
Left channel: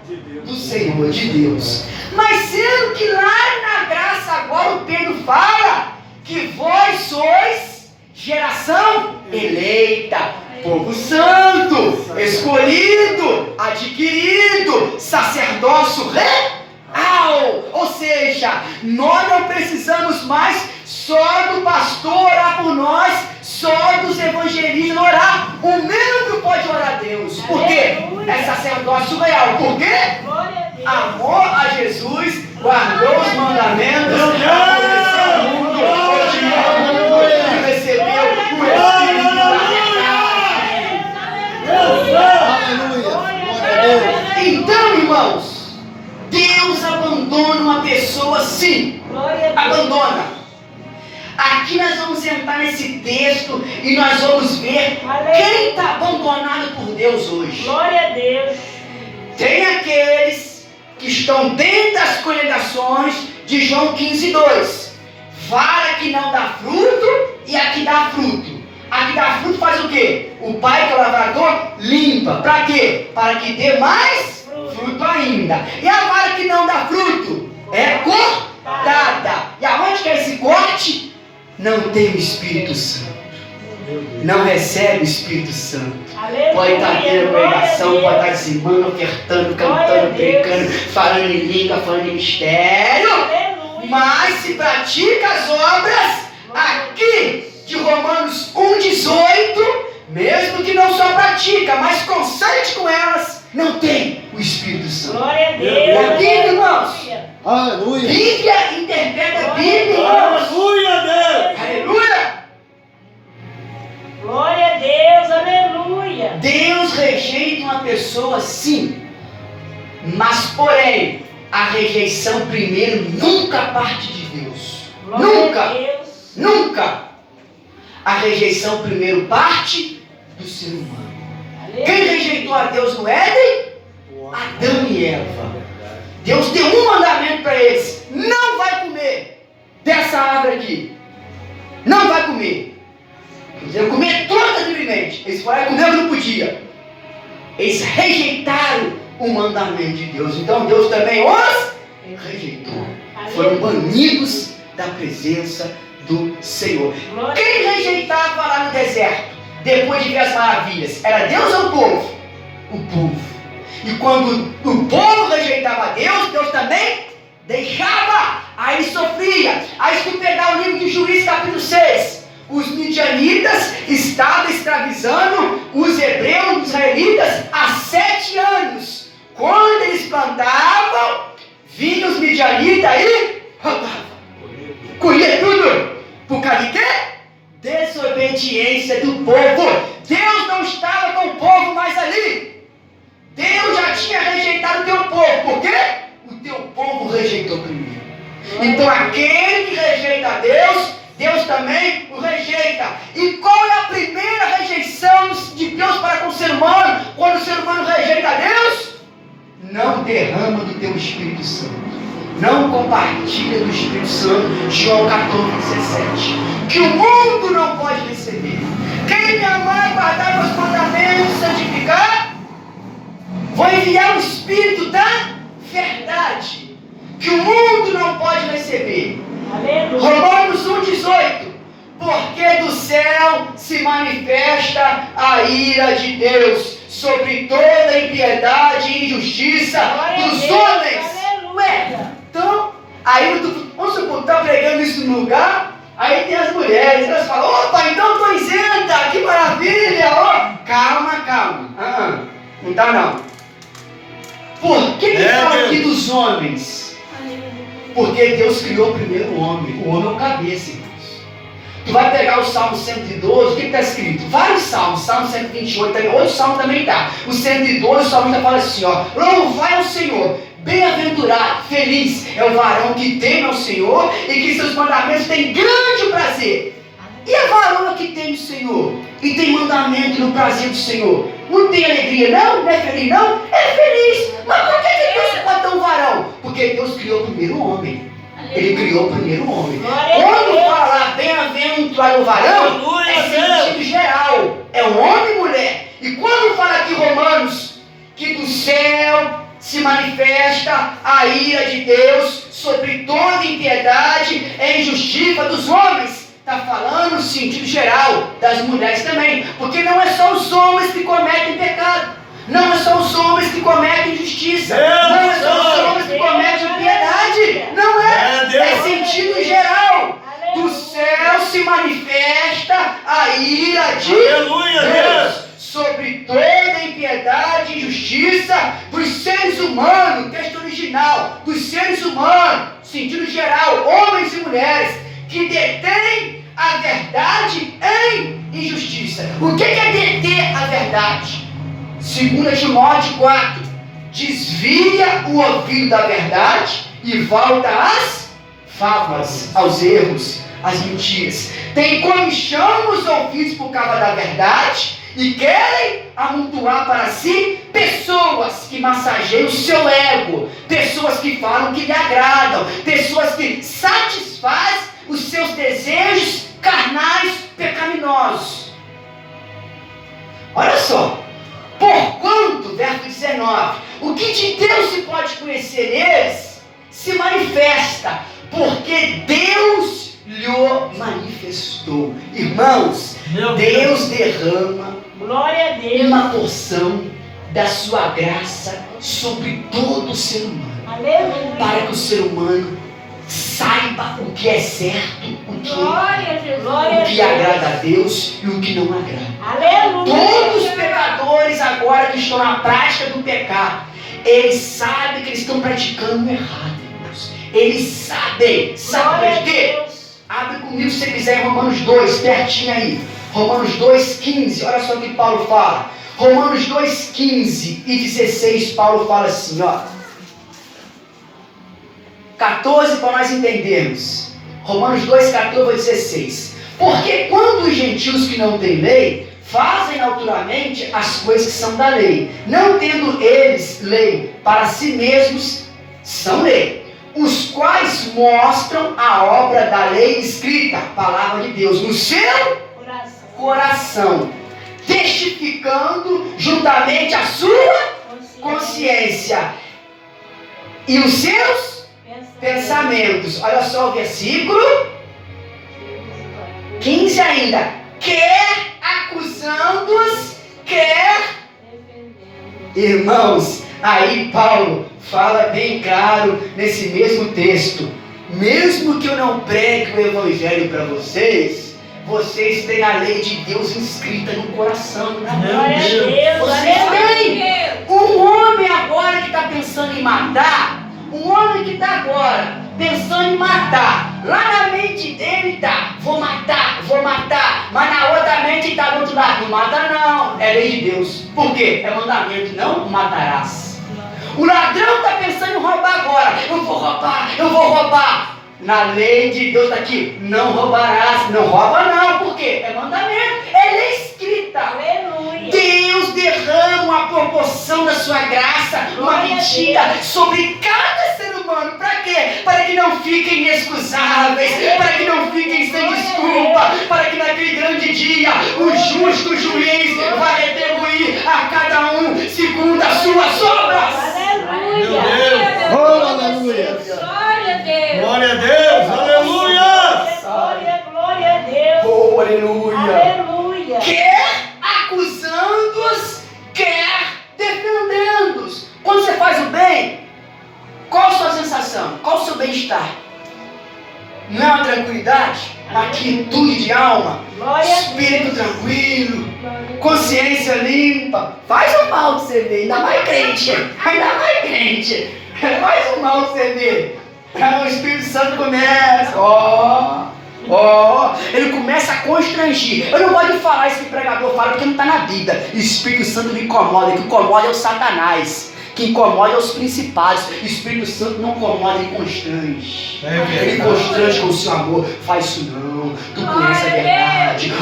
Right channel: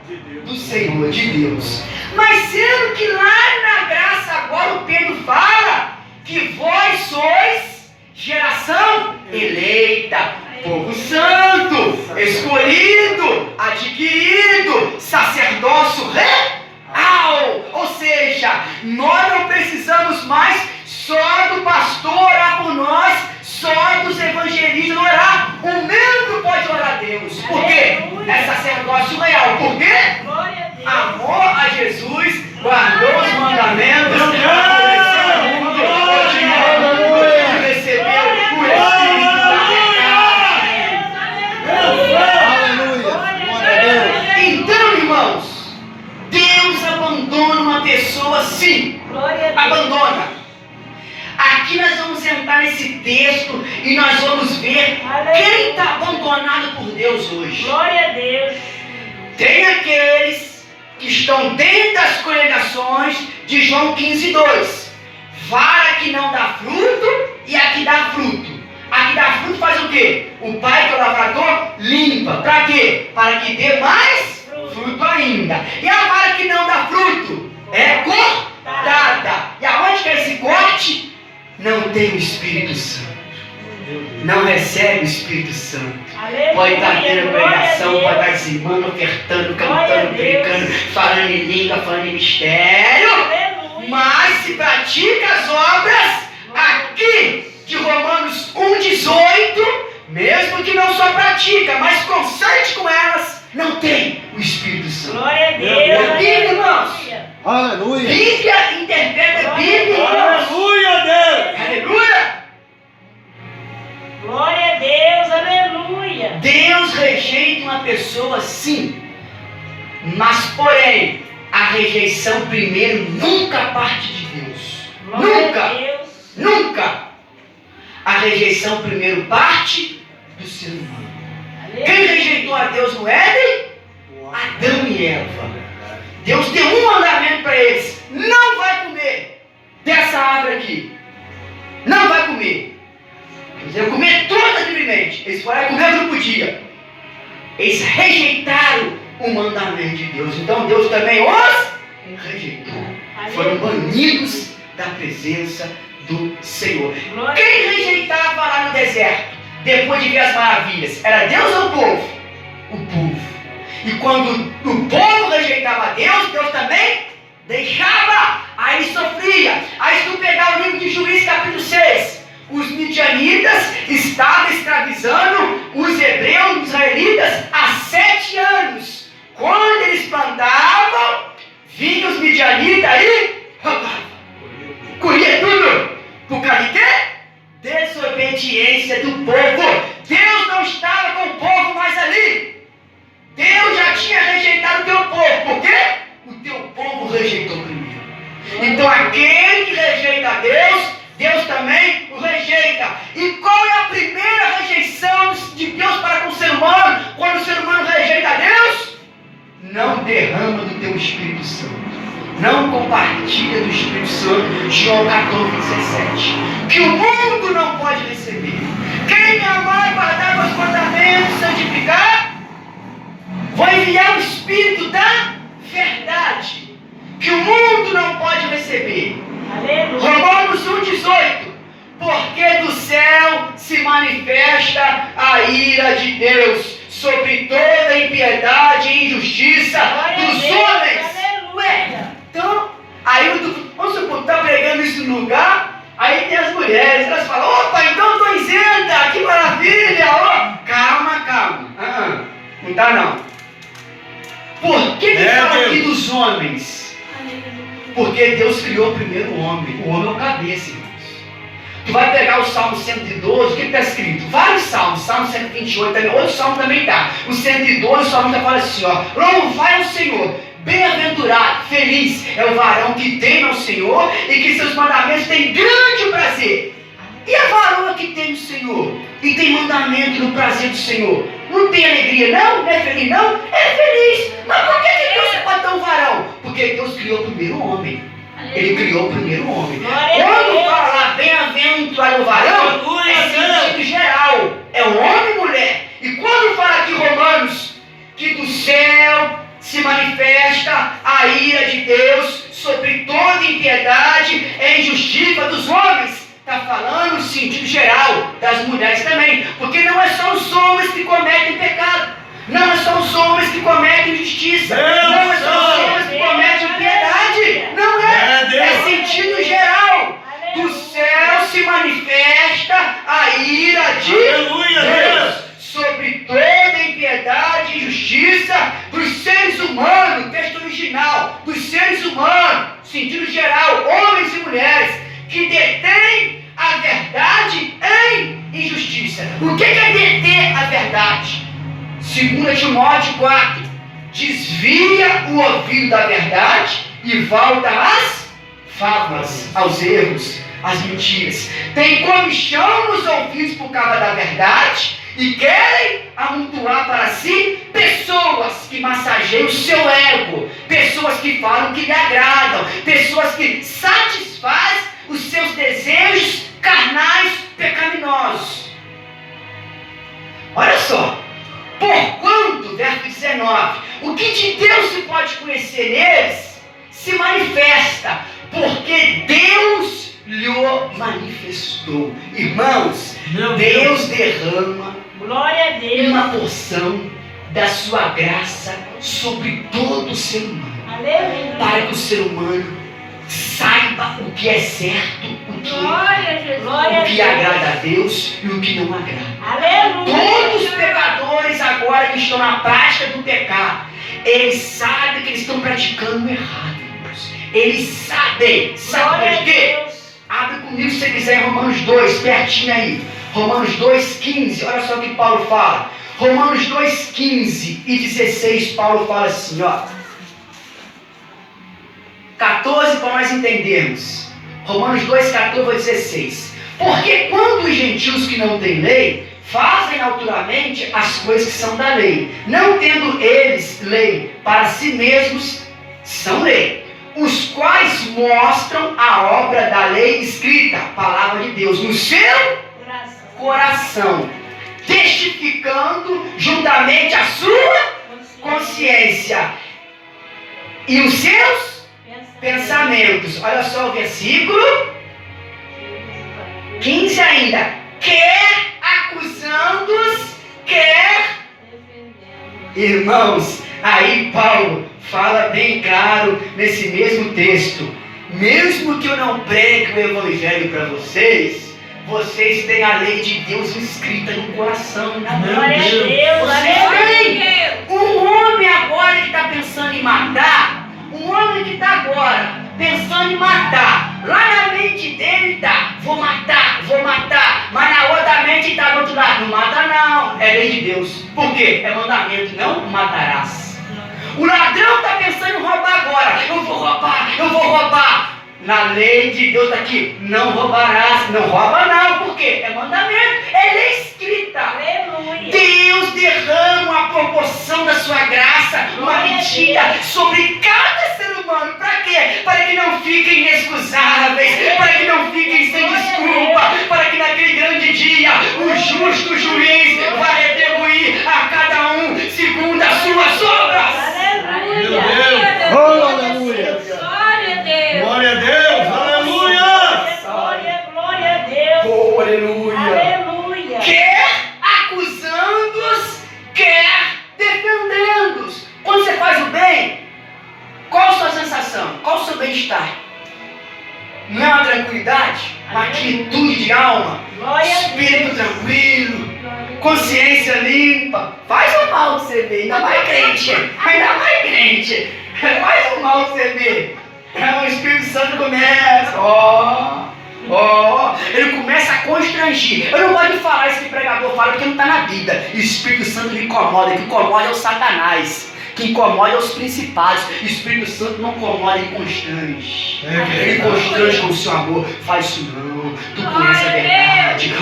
do Senhor, de Deus. Mas sendo que lá na graça agora o Pedro fala que vós sois geração eleita, povo santo, escolhido, adquirido, sacerdócio real. Ou seja, nós não precisamos mais só do pastor orar por nós, só dos evangelistas orar. O membro pode orar a Deus. Por quê? É sacerdócio real. Por quê? Amor a Jesus, guardou os mandamentos, obedeceu o mundo, recebeu o Espírito da verdade. Então, irmãos, Deus abandona uma pessoa sim. Abandona. Aqui nós vamos entrar nesse texto e nós vamos ver quem está abandonado por Deus hoje. Glória a Deus. Tem aqueles que estão dentro das congregações de João 15:2. Vara que não dá fruto e a que dá fruto. A que dá fruto faz o quê? O pai, que é o lavrador, limpa. Para quê? Para que dê mais fruto ainda. E a vara que não dá fruto é cortada. E aonde que é esse corte? Não tem o Espírito Santo. Não recebe o Espírito Santo. Aleluia. Pode estar tendo pregação, pode estar dizimando, ofertando, cantando, predicando, falando em língua, falando em mistério. Aleluia. Mas se pratica as obras aqui de Romanos 1,18, mesmo que não só pratica, mas consente com elas, não tem o Espírito Santo. Glória a Deus. É Bíblia, irmãos. Aleluia. Bíblia interpreta a Bíblia, irmãos. Aleluia, Deus. Aleluia. Glória a Deus, aleluia. Deus rejeita uma pessoa sim, mas porém, a rejeição primeiro nunca parte de Deus. Glória Nunca. a Deus. Nunca. A rejeição primeiro parte do ser humano. Quem rejeitou a Deus no Éden? Adão e Eva. Deus deu um mandamento para eles: não vai comer dessa árvore aqui. Não vai comer. Eu comer toda livremente. Eles foram comer, não podia. Eles rejeitaram o mandamento de Deus. Então Deus também os rejeitou. Foram banidos da presença do Senhor. Quem rejeitava lá no deserto, depois de ver as maravilhas, era Deus ou o povo? O povo. E quando o povo rejeitava a Deus, Deus também deixava. Aí ele sofria. Aí se tu pegar o livro de Juízes capítulo 6, os midianitas estavam escravizando os hebreus, os israelitas, há 7 anos. Quando eles plantavam, vinham os midianitas e roubavam. Colhia tudo. Por causa de quê? Desobediência do povo. Deus não estava com o povo mais ali. Deus já tinha rejeitado o teu povo. Por quê? O teu povo rejeitou primeiro. Então aquele que rejeita a Deus, Deus também o rejeita. E qual é a primeira rejeição de Deus para com o ser humano? Quando o ser humano rejeita a Deus, não derrama do teu Espírito Santo. Não compartilha do Espírito Santo. João 14:17. Que o mundo não pode receber. Quem me amar e guardar meus mandamentos, santificar, vou enviar o Espírito da verdade, que o mundo não pode receber. Aleluia. Romanos 1,18. Porque do céu se manifesta a ira de Deus sobre toda impiedade e injustiça dos homens. Ué, então, aí vamos supor, está pregando isso no lugar, aí tem as mulheres, elas falam: opa, então estou isenta, que maravilha, oh. Calma, não está não. Por que fala aqui dos homens? Porque Deus criou primeiro o homem é o cabeça, irmãos. Tu vai pegar o Salmo 112, o que está escrito? Vários salmos, Salmo 128, também, outro salmo também está. O 112, o salmo já fala assim, ó: louvai o Senhor, bem-aventurado, feliz é o varão que teme ao Senhor e que seus mandamentos têm grande prazer. E a varoa que teme o Senhor e tem mandamento no prazer do Senhor, não tem alegria não? Não é feliz não? É feliz. Mas por que Deus se pode dar um varão? Porque Deus criou primeiro o homem. Ele criou primeiro o homem. Quando fala bem-aventurado o varão, é sentido geral. É um homem e mulher. E a ira de Deus sobre toda impiedade e injustiça dos homens. Está falando no sentido geral, das mulheres também, porque não é só os homens que cometem pecado, não é só os homens que cometem injustiça, não é só os homens que cometem impiedade, não é sentido geral. Do céu se manifesta a ira de Deus sobre toda impiedade e injustiça dos seres humanos, texto original, dos seres humanos, sentido geral, homens e mulheres, que detêm a verdade em injustiça. O que é deter a verdade? 2 Timóteo 4, desvia o ouvido da verdade e volta às fábulas, aos erros, às mentiras. Tem comichão nos ouvidos por causa da verdade e querem amontoar para si pessoas que massageiam o seu ego, pessoas que falam que lhe agradam, pessoas que satisfazem os seus desejos carnais pecaminosos. Olha só, porquanto, verso 19, o que de Deus se pode conhecer neles se manifesta, porque Deus lhe manifestou. Irmãos, Deus derrama Glória a Deus. uma porção da sua graça sobre todo o ser humano, Aleluia. para que o ser humano saiba o que é certo, o que agrada a Deus e o que não agrada. Aleluia. Todos os pecadores agora que estão na prática do pecado, eles sabem que eles estão praticando errado, irmãos. Eles sabem. Sabe por quê? Abre comigo se você quiser em Romanos 2, pertinho aí. Romanos 2,15, olha só o que Paulo fala. Romanos 2,15 e 16, Paulo fala assim, ó. 14 para nós entendermos. Romanos 2, 14 a 16. Porque quando os gentios que não têm lei fazem naturalmente as coisas que são da lei, não tendo eles lei para si mesmos, são lei, os quais mostram a obra da lei escrita, a palavra de Deus, no seu coração, testificando juntamente a sua consciência e os seus pensamentos. Olha só o versículo 15 ainda. Quer acusando-os, quer defendendo. Irmãos, aí Paulo fala bem claro nesse mesmo texto. Mesmo que eu não pregue o evangelho para vocês, vocês têm a lei de Deus escrita no coração, na mente. Vocês têm. Um homem agora que está pensando em matar, um homem que está agora pensando em matar, lá na mente dele está, vou matar, mas na outra mente está do outro lado, não mata não, é lei de Deus. Por quê? É mandamento, não matarás. O ladrão está pensando em roubar agora, eu vou roubar. Na lei de Deus está aqui, não roubarás, não rouba não, por quê? É mandamento, é lei escrita. Aleluia. Deus derrama uma proporção da sua graça, uma medida sobre cada ser humano. Para quê? Para que não fiquem inexcusáveis, para que não fiquem sem desculpa, para que naquele grande dia o justo juiz vai retribuir a cada um segundo as suas obras. Aleluia. Oh, aleluia. Glória Glória a Deus. a Deus. Aleluia. Glória a Deus. Oh, aleluia. Aleluia. Quer acusando-os, quer defendendo-os. Quando você faz o bem, qual a sua sensação? Qual o seu bem-estar? Não é uma tranquilidade? Uma quietude de alma? Glória a Espírito tranquilo? Consciência limpa? Faz o mal que você vê, ainda mais crente. Faz o mal que você vê. O Espírito Santo começa, ele começa a constrangir. Eu não gosto de falar isso que o pregador fala, porque não está na Bíblia. O Espírito Santo me incomoda, que incomoda é o Satanás, que incomoda é os principados. O Espírito Santo não incomoda, ele constrange. Ele constrange com o seu amor. Faz isso não, tu conhece a verdade.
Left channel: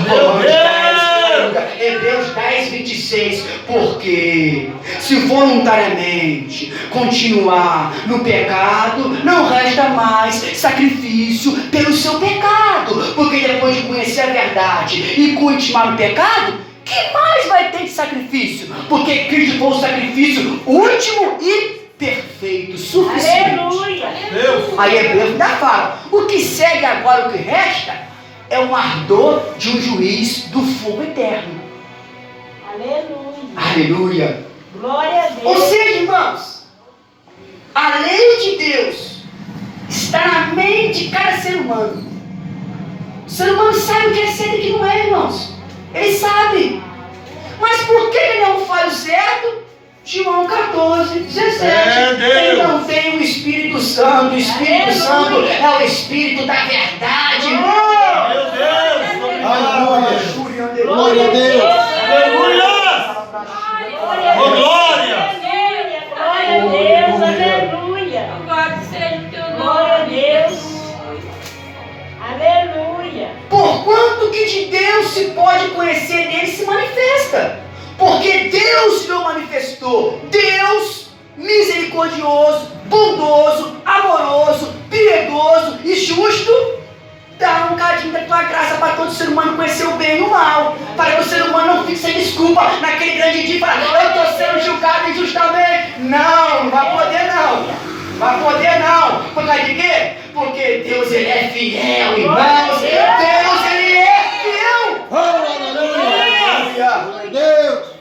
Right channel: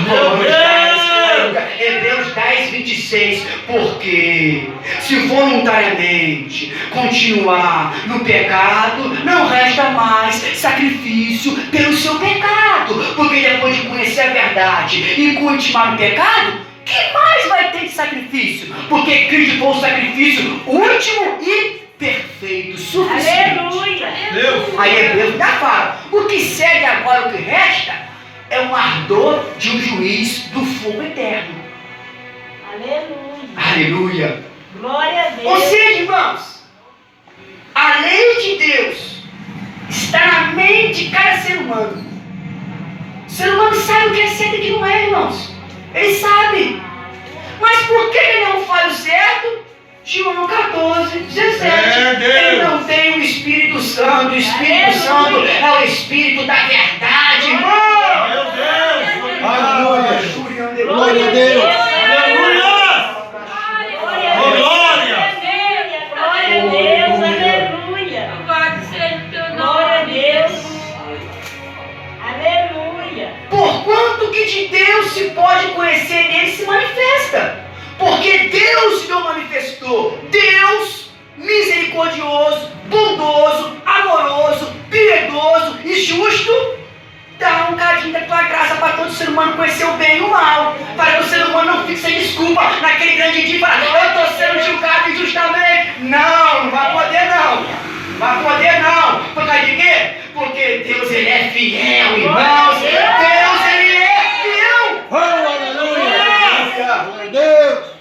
Hebreus 10, 26. Porque se voluntariamente continuar no pecado, não resta mais sacrifício pelo seu pecado. Porque depois de conhecer a verdade e continuar no pecado, que mais vai ter de sacrifício? Porque Cristo foi o sacrifício último e perfeito, suficiente. Aleluia. Deus. Aí Hebreus ainda fala: o que segue agora, o que resta, é um ardor de um juiz do fogo eterno. Aleluia. Aleluia. Glória a Ou Deus. seja, irmãos, a lei de Deus está na mente de cada ser humano. O ser humano sabe o que é certo e o que não é, irmãos. Ele sabe. Mas por que ele não faz o certo? João 14, 17. Ele não tem o Espírito Santo. O Espírito Santo é o Espírito da verdade, irmão. Meu Deus. Aleluia. Glória a Deus. Aleluia. Glória a Oh, Deus. glória. Glória a Deus. Aleluia. Glória a Deus. Aleluia. Porquanto que de Deus se pode conhecer, nele se manifesta. Porque Deus não manifestou. Deus, misericordioso, bondoso, amoroso, piedoso e justo, dá um cadinho da tua graça para todo ser humano conhecer o bem e o mal. Para que o ser humano não fique sem desculpa naquele grande dia e falar: eu estou sendo julgado injustamente. Não, não vai poder não. Vai poder não. Por causa de quê? Porque Deus, ele é fiel, irmãos. Deus, ele é fiel. Aleluia. Glória a Deus.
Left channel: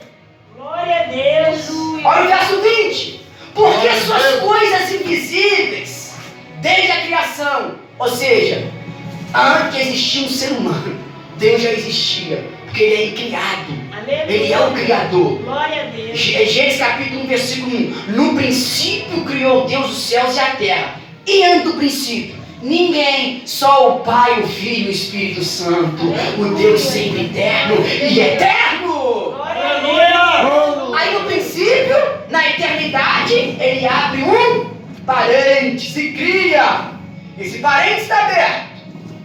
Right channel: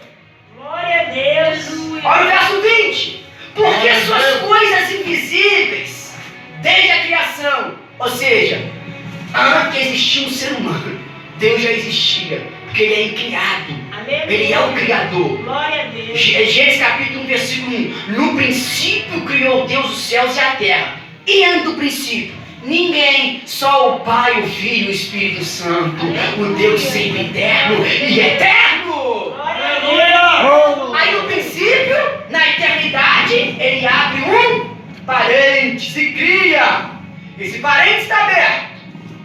Glória a Deus. Olha o verso 20. Porque suas coisas invisíveis, desde a criação, ou seja, antes que existia um ser humano, Deus já existia, porque ele é incriado. Ele é o Criador. Glória a Deus. Gênesis capítulo 1, versículo 1. No princípio criou Deus os céus e a terra. E antes do princípio, ninguém, só o Pai, o Filho e o Espírito Santo, o Deus sempre eterno e eterno. Aleluia. Aí no princípio, na eternidade, ele abre um parênteses e cria. Esse parênteses está aberto.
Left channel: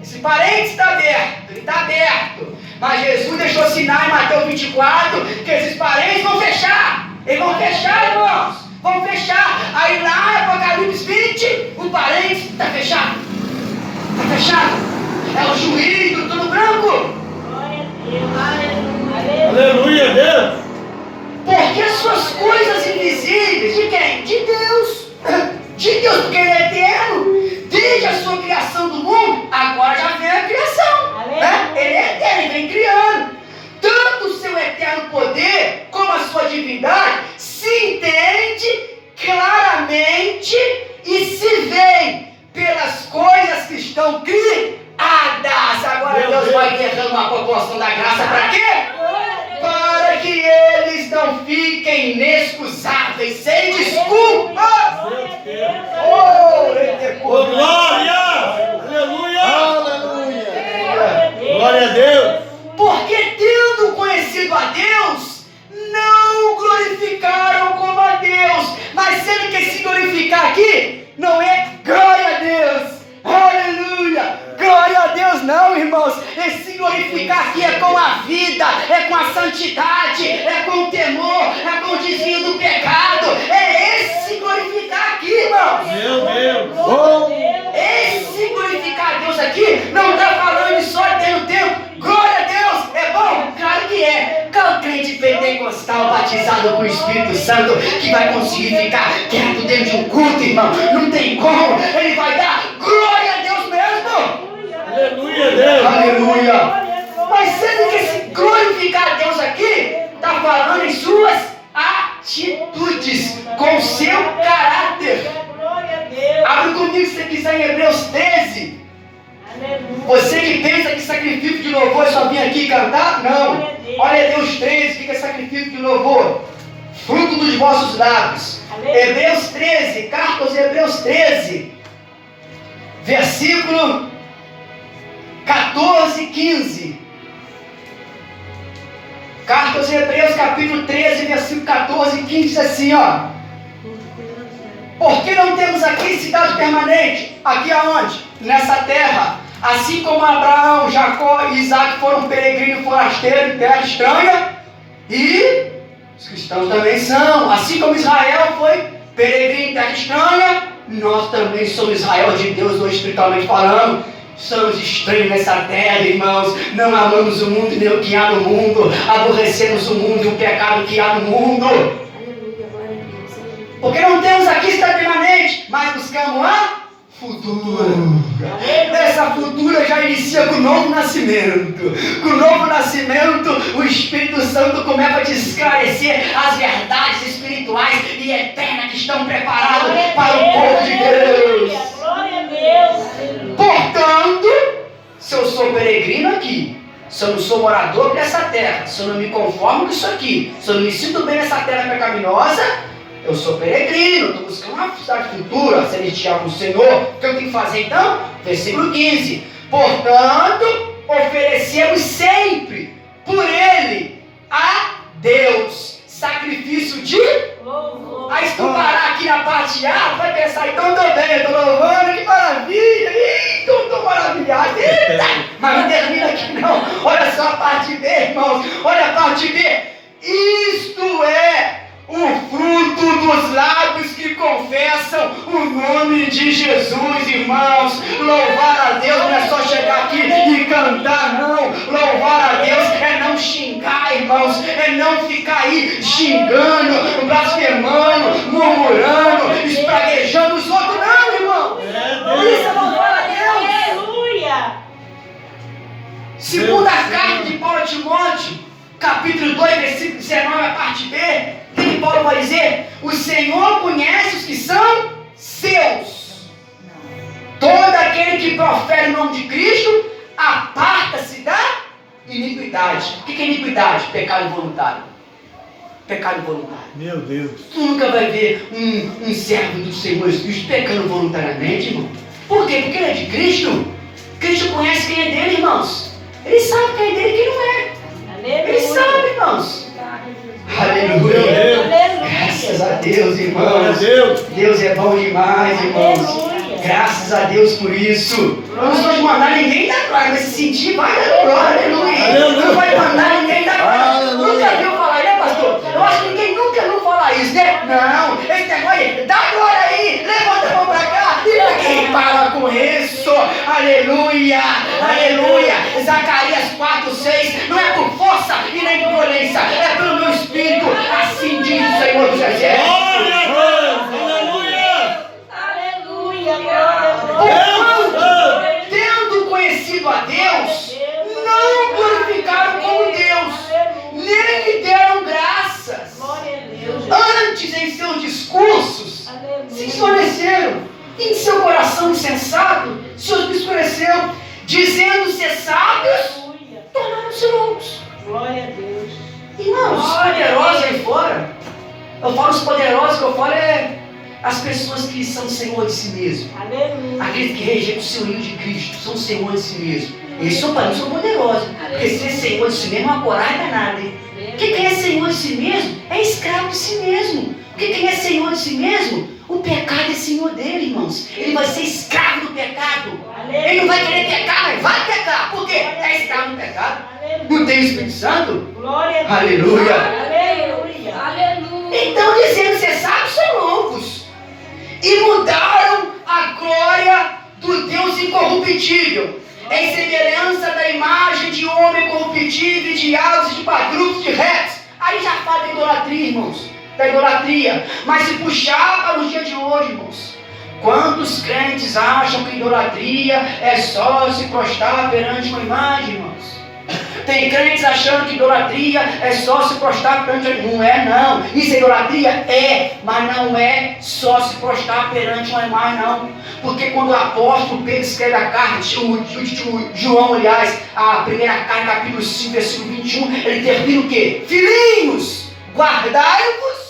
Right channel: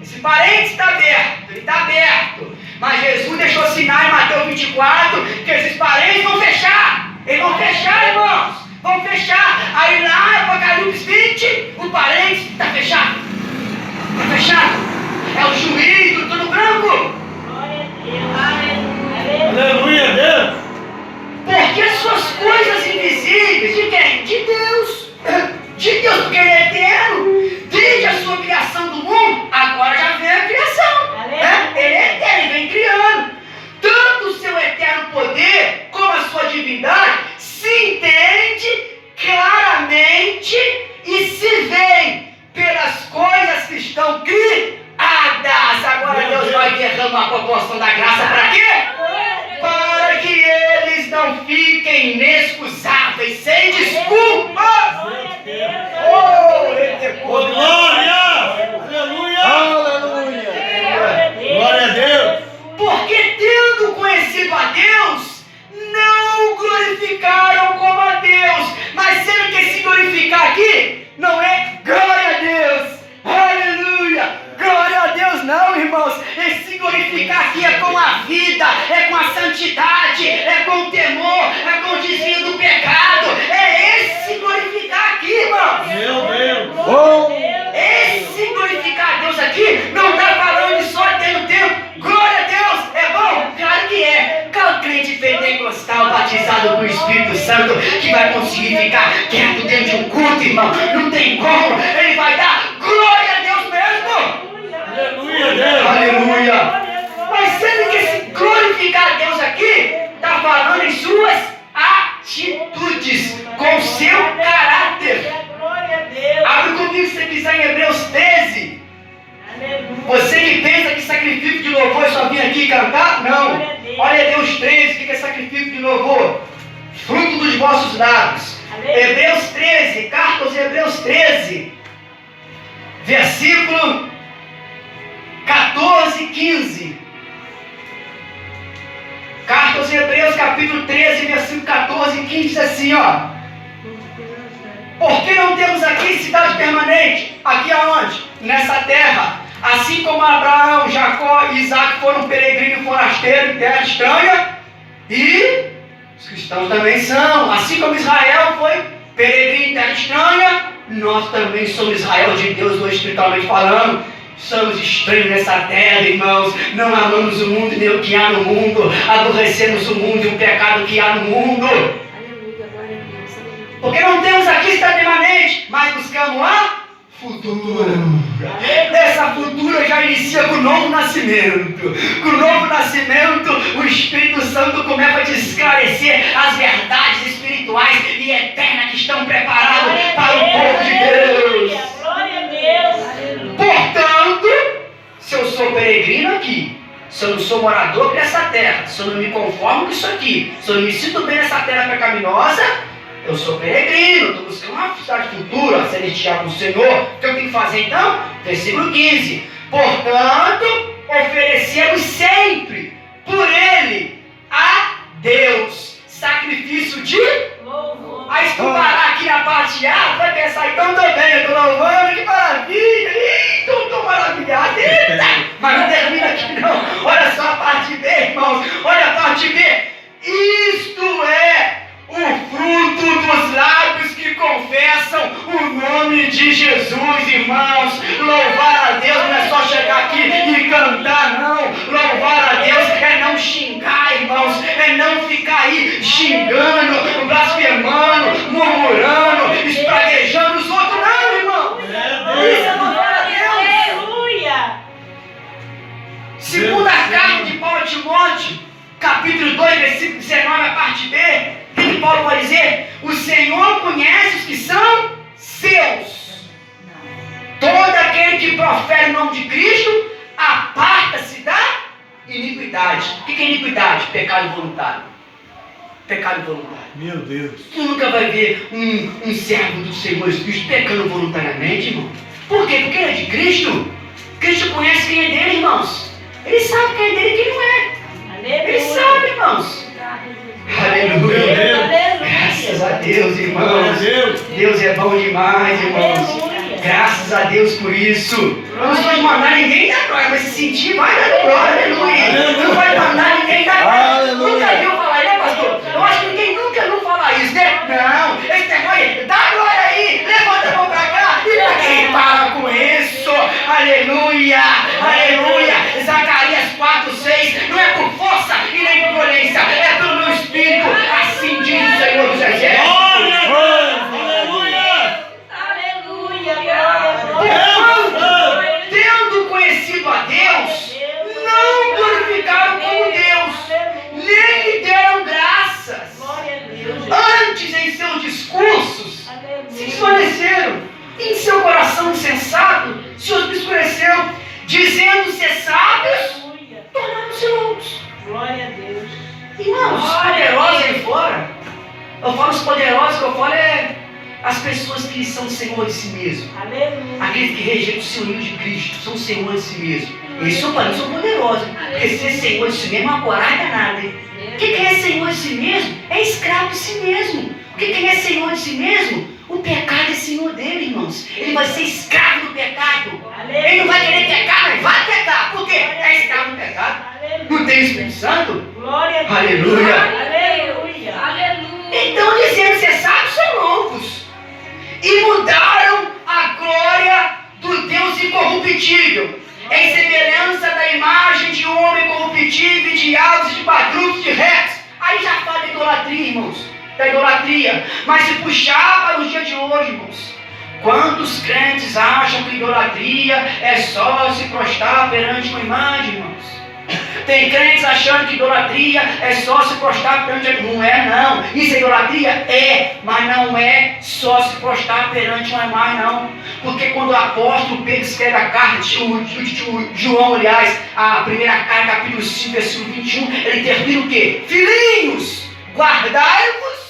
Esse parênteses está aberto. Ele está aberto. Mas Jesus deixou sinal em Mateus 24 que esses parênteses vão fechar. Eles vão fechar, irmãos. Vão fechar. Aí lá em Apocalipse 20, o parênteses está fechado. Está fechado. É o juiz do trono branco. Glória a Deus. Aleluia, Deus. Porque suas coisas invisíveis, de quem? De Deus. De Deus, porque ele é eterno. Desde a sua criação do mundo, agora já vem a criação. Né? Ele é eterno, ele vem criando. Tanto o seu eterno poder, como a sua divindade, se entende claramente e se vê pelas coisas que estão criadas. Agora Deus vai derramar uma proporção da graça para quê? Para que eles não fiquem inexcusáveis, sem desculpa. Oh, glória. Aleluia. Aleluia. Glória a Deus. Porque tendo conhecido a Deus, não o glorificaram como a Deus. Mas sendo que se glorificar aqui, não é glória a Deus. Aleluia. Glória a Deus não, irmãos. Esse glorificar aqui é com a vida, é com a santidade, é com o temor, é com o desvio do pecado. É esse glorificar aqui, irmãos. Meu Deus. Oh. Esse glorificar a Deus aqui não está falando de só tendo tempo. Glória a Deus, é bom? Claro que é. Qual crente pentecostal batizado com o Espírito Santo que vai conseguir ficar quieto dentro de um culto, irmão? Não tem como. Ele vai dar glória a Deus mesmo. Aleluia, Deus. Aleluia. Mas sendo que esse glorificar a Deus aqui está falando em suas atitudes, com seu caráter. Glória a Deus. Abre comigo se você quiser em Hebreus 13. Aleluia. Você que pensa que sacrifício de louvor é só vir aqui cantar? Não. Olha Hebreus 13, o que é sacrifício de louvor? Fruto dos vossos lábios. Hebreus 13, carta aos Hebreus 13, versículo 14 e 15. Carta aos Hebreus, capítulo 13, versículo 14 e 15, diz assim, ó. Porque não temos aqui cidade permanente? Aqui aonde? Nessa terra. Assim como Abraão, Jacó e Isaac foram peregrinos e forasteiros em terra estranha, e os cristãos também são. Assim como Israel foi peregrino em terra estranha, nós também somos Israel de Deus, hoje espiritualmente falando. Somos estranhos nessa terra, irmãos. Não amamos o mundo nem o que há no mundo. Aborrecemos o mundo e o pecado que há no mundo. Porque não temos aqui esta permanente, mas buscamos a futura. Essa futura já inicia com o novo nascimento. Com o novo nascimento, o Espírito Santo começa a te esclarecer as verdades espirituais e eternas que estão preparadas para o povo de Deus. Glória a Deus. Portanto, se eu sou peregrino aqui, se eu não sou morador dessa terra, se eu não me conformo com isso aqui, se eu não me sinto bem nessa terra pecaminosa, eu sou peregrino, estou buscando uma cidade futura, celestial com o Senhor. O que eu tenho que fazer então? Versículo 15. Portanto, oferecemos sempre por Ele a Deus sacrifício de Louvor. Aí se tu parar aqui na parte A, tu vai pensar, então estou bem, eu estou louvando, que maravilha, estou maravilhado, eita! Mas não termina aqui não, olha só a parte B, irmãos, olha a parte B. Isto é o fruto dos lábios que confessam o nome de Jesus, irmãos. Louvar a Deus não é só chegar aqui e cantar, não. Louvar a Deus é não xingar, irmãos, é não ficar aí xingando, blasfemando, murmurando, espraguejando os outros, não, irmão. Isso é louvar a Deus. Aleluia. Segunda carta de Paulo a Timóteo, capítulo 2, versículo 19, a parte B, o que Paulo vai dizer? O Senhor conhece os que são seus. Todo aquele que profere o nome de Cristo, aparta-se da iniquidade. O que é iniquidade? Pecado involuntário. Pecado involuntário. Meu Deus. Tu nunca vai ver um servo do Senhor Jesus pecando voluntariamente, irmão. Por quê? Porque ele é de Cristo. Cristo conhece quem é dele, irmãos. Ele sabe quem é dele e quem não é. Ele sabe, irmãos. Aleluia. Graças a Deus, irmãos. Glória a Deus. Deus é bom demais, irmãos. Aleluia. Graças a Deus por isso. Não vai mandar ninguém dar glória, mas se sentir, vai dar glória, aleluia. Não vai mandar ninguém dar glória. Nunca viu falar, né, pastor? Eu acho que ninguém nunca viu falar isso, né? Não, esse negócio aí, dá glória aí, levanta a mão pra cá e ninguém para com isso. Aleluia, aleluia. Zacarias 4:6, não é por força e nem por violência, é pelo meu espírito, assim diz o Senhor dos Exércitos. Glória a Deus. Aleluia. Aleluia. Glória a Deus. Tendo conhecido a Deus, não glorificaram como Deus, nem lhe deram graças. Glória a Deus. Antes, em seus discursos, se Aleluia. escureceram. Em seu coração insensato, se obscureceu, dizendo ser sábios, Aleluia. tornaram-se loucos. Glória a Deus. Irmãos, os poderosos aí fora, eu falo os poderosos, que eu falo é as pessoas que são senhor de si mesmo. Aleluia. Aqueles que rejeitam o senhorio de Cristo, são senhor de si mesmo. Eles são para mim, são poderosos. Porque ser senhor de si mesmo é uma coragem danada, hein? O que é senhor de si mesmo? É escravo de si mesmo. O que é senhor de si mesmo? O pecado é senhor dele, irmãos. Ele vai ser escravo do pecado. Ele não vai querer pecar, mas vai pecar. Por quê? É escravo do pecado. Não tem o Espírito Santo? Glória a Deus. Aleluia. Aleluia. Aleluia. Então, dizendo ser sábios, são loucos. E mudaram a glória do Deus incorruptível, em semelhança da imagem de homem corruptível, de aves, de quadrúpedes, de retos. Aí já fala da idolatria, irmãos. Da idolatria. Mas se puxar para os dias de hoje, irmãos, quantos crentes acham que idolatria é só se prostrar perante uma imagem, irmãos? Tem crentes achando que idolatria é só se prostrar perante... Não é, não. Isso é idolatria? É, mas não é só se prostrar perante uma imagem, não. Porque quando o apóstolo Pedro escreve a carta, João, aliás, a primeira carta, capítulo 5, versículo 21, ele termina o quê? Filhinhos, guardai-vos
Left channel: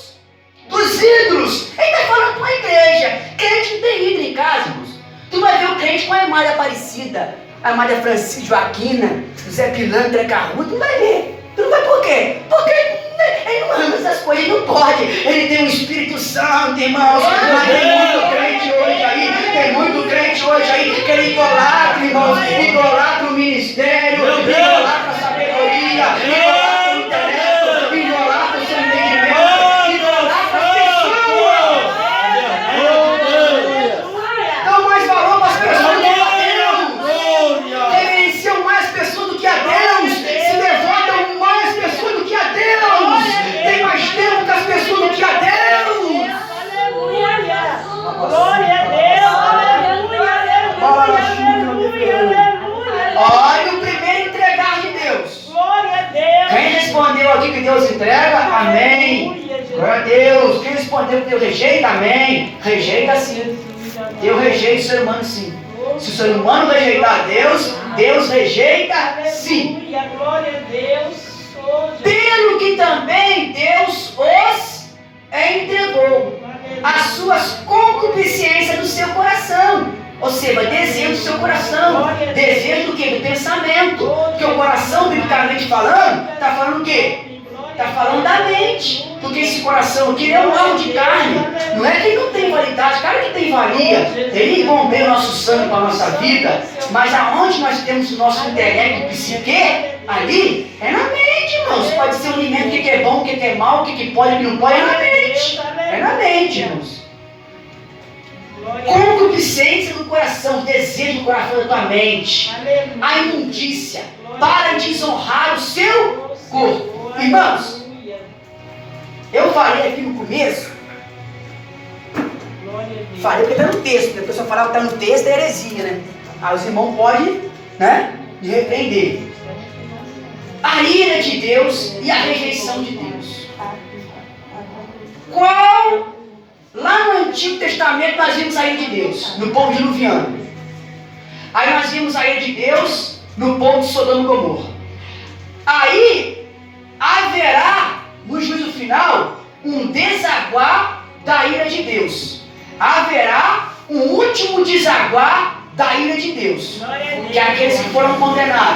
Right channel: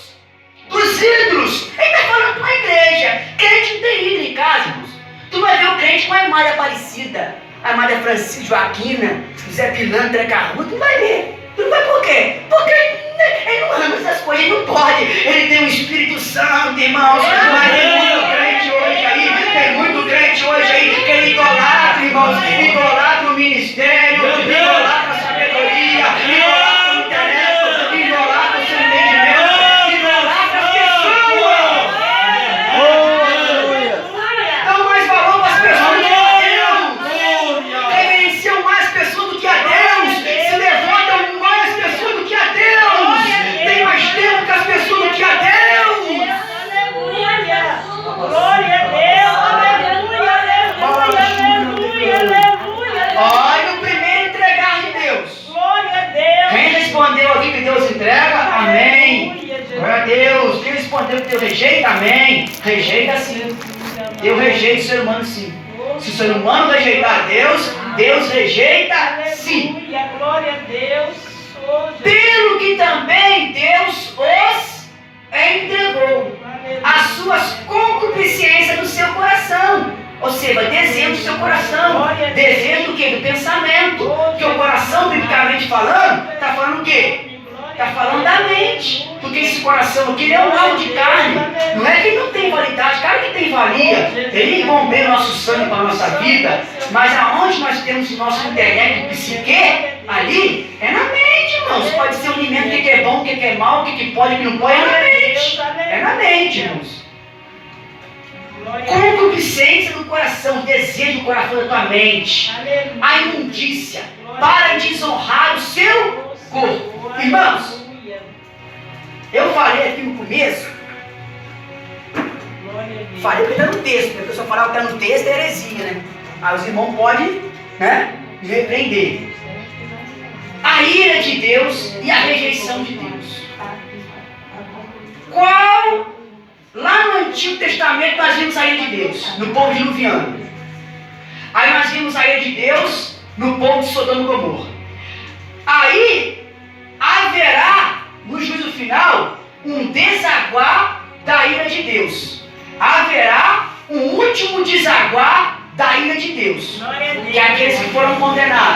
dos ídolos. Ele está falando para a igreja. Crente não tem ídolo em casa, irmãos. Tu vai ver o crente com a imagem Aparecida, a Maria Francisca Joaquina, Zé Pilantra Carruto, não vai ver. Tu não vai por quê? Porque ele não ama essas coisas, ele não pode. Ele tem o Espírito Santo, irmãos. Mas tem muito crente hoje aí, que ele idolatra, irmãos. Idolatra o ministério, idolatra a sabedoria, idolatra o intelecto, idolatra o seu entendimento, idolatra as pessoas. Dão mais valor para as pessoas do que a Deus. Reverenciam mais pessoas do que a Deus. Se levantam mais pessoas do que a Deus. Tem mais tempo que as pessoas do que a Deus. aqui que Deus entrega? Amém. Aleluia, Jesus. Glória a Deus. Quem respondeu que Deus rejeita? Amém. Rejeita sim. Deus rejeita o ser humano sim. Se o ser humano rejeitar Deus, Deus rejeita sim. Aleluia, glória a Deus. Oh, Jesus. Pelo que também Deus os entregou as suas concupiscências do seu coração. Ou seja, desejo do seu coração. Desejo do quê? Do pensamento. Porque o coração, biblicamente falando, está falando o quê? Está falando da mente. Porque esse coração aqui é um alvo de carne. Não é que ele não tem validade, claro que tem valia. Ele bombeia o nosso sangue para a nossa vida. Mas aonde nós temos o nosso intelecto, psique, ali é na mente, irmãos. Pode ser um alimento, o que é bom, o que é mal, o que pode, o que não pode, é na mente. É na mente, irmãos. Concupiscência do coração, desejo do coração da tua mente. A imundícia, para desonrar o seu corpo. Irmãos, eu falei aqui no começo, falei porque está no texto, porque a pessoa falava que está no texto é heresia, né? Aí os irmãos podem, né, me repreender. A ira de Deus e a rejeição de Deus. Qual, lá no Antigo Testamento nós vimos a ira de Deus, no povo diluviano. Aí nós vimos a ira de Deus no povo de Sodoma e Gomorra. Aí haverá, no juízo final, um desaguar da ira de Deus. Haverá um último desaguar da ira de Deus. Que é aqueles que foram condenados.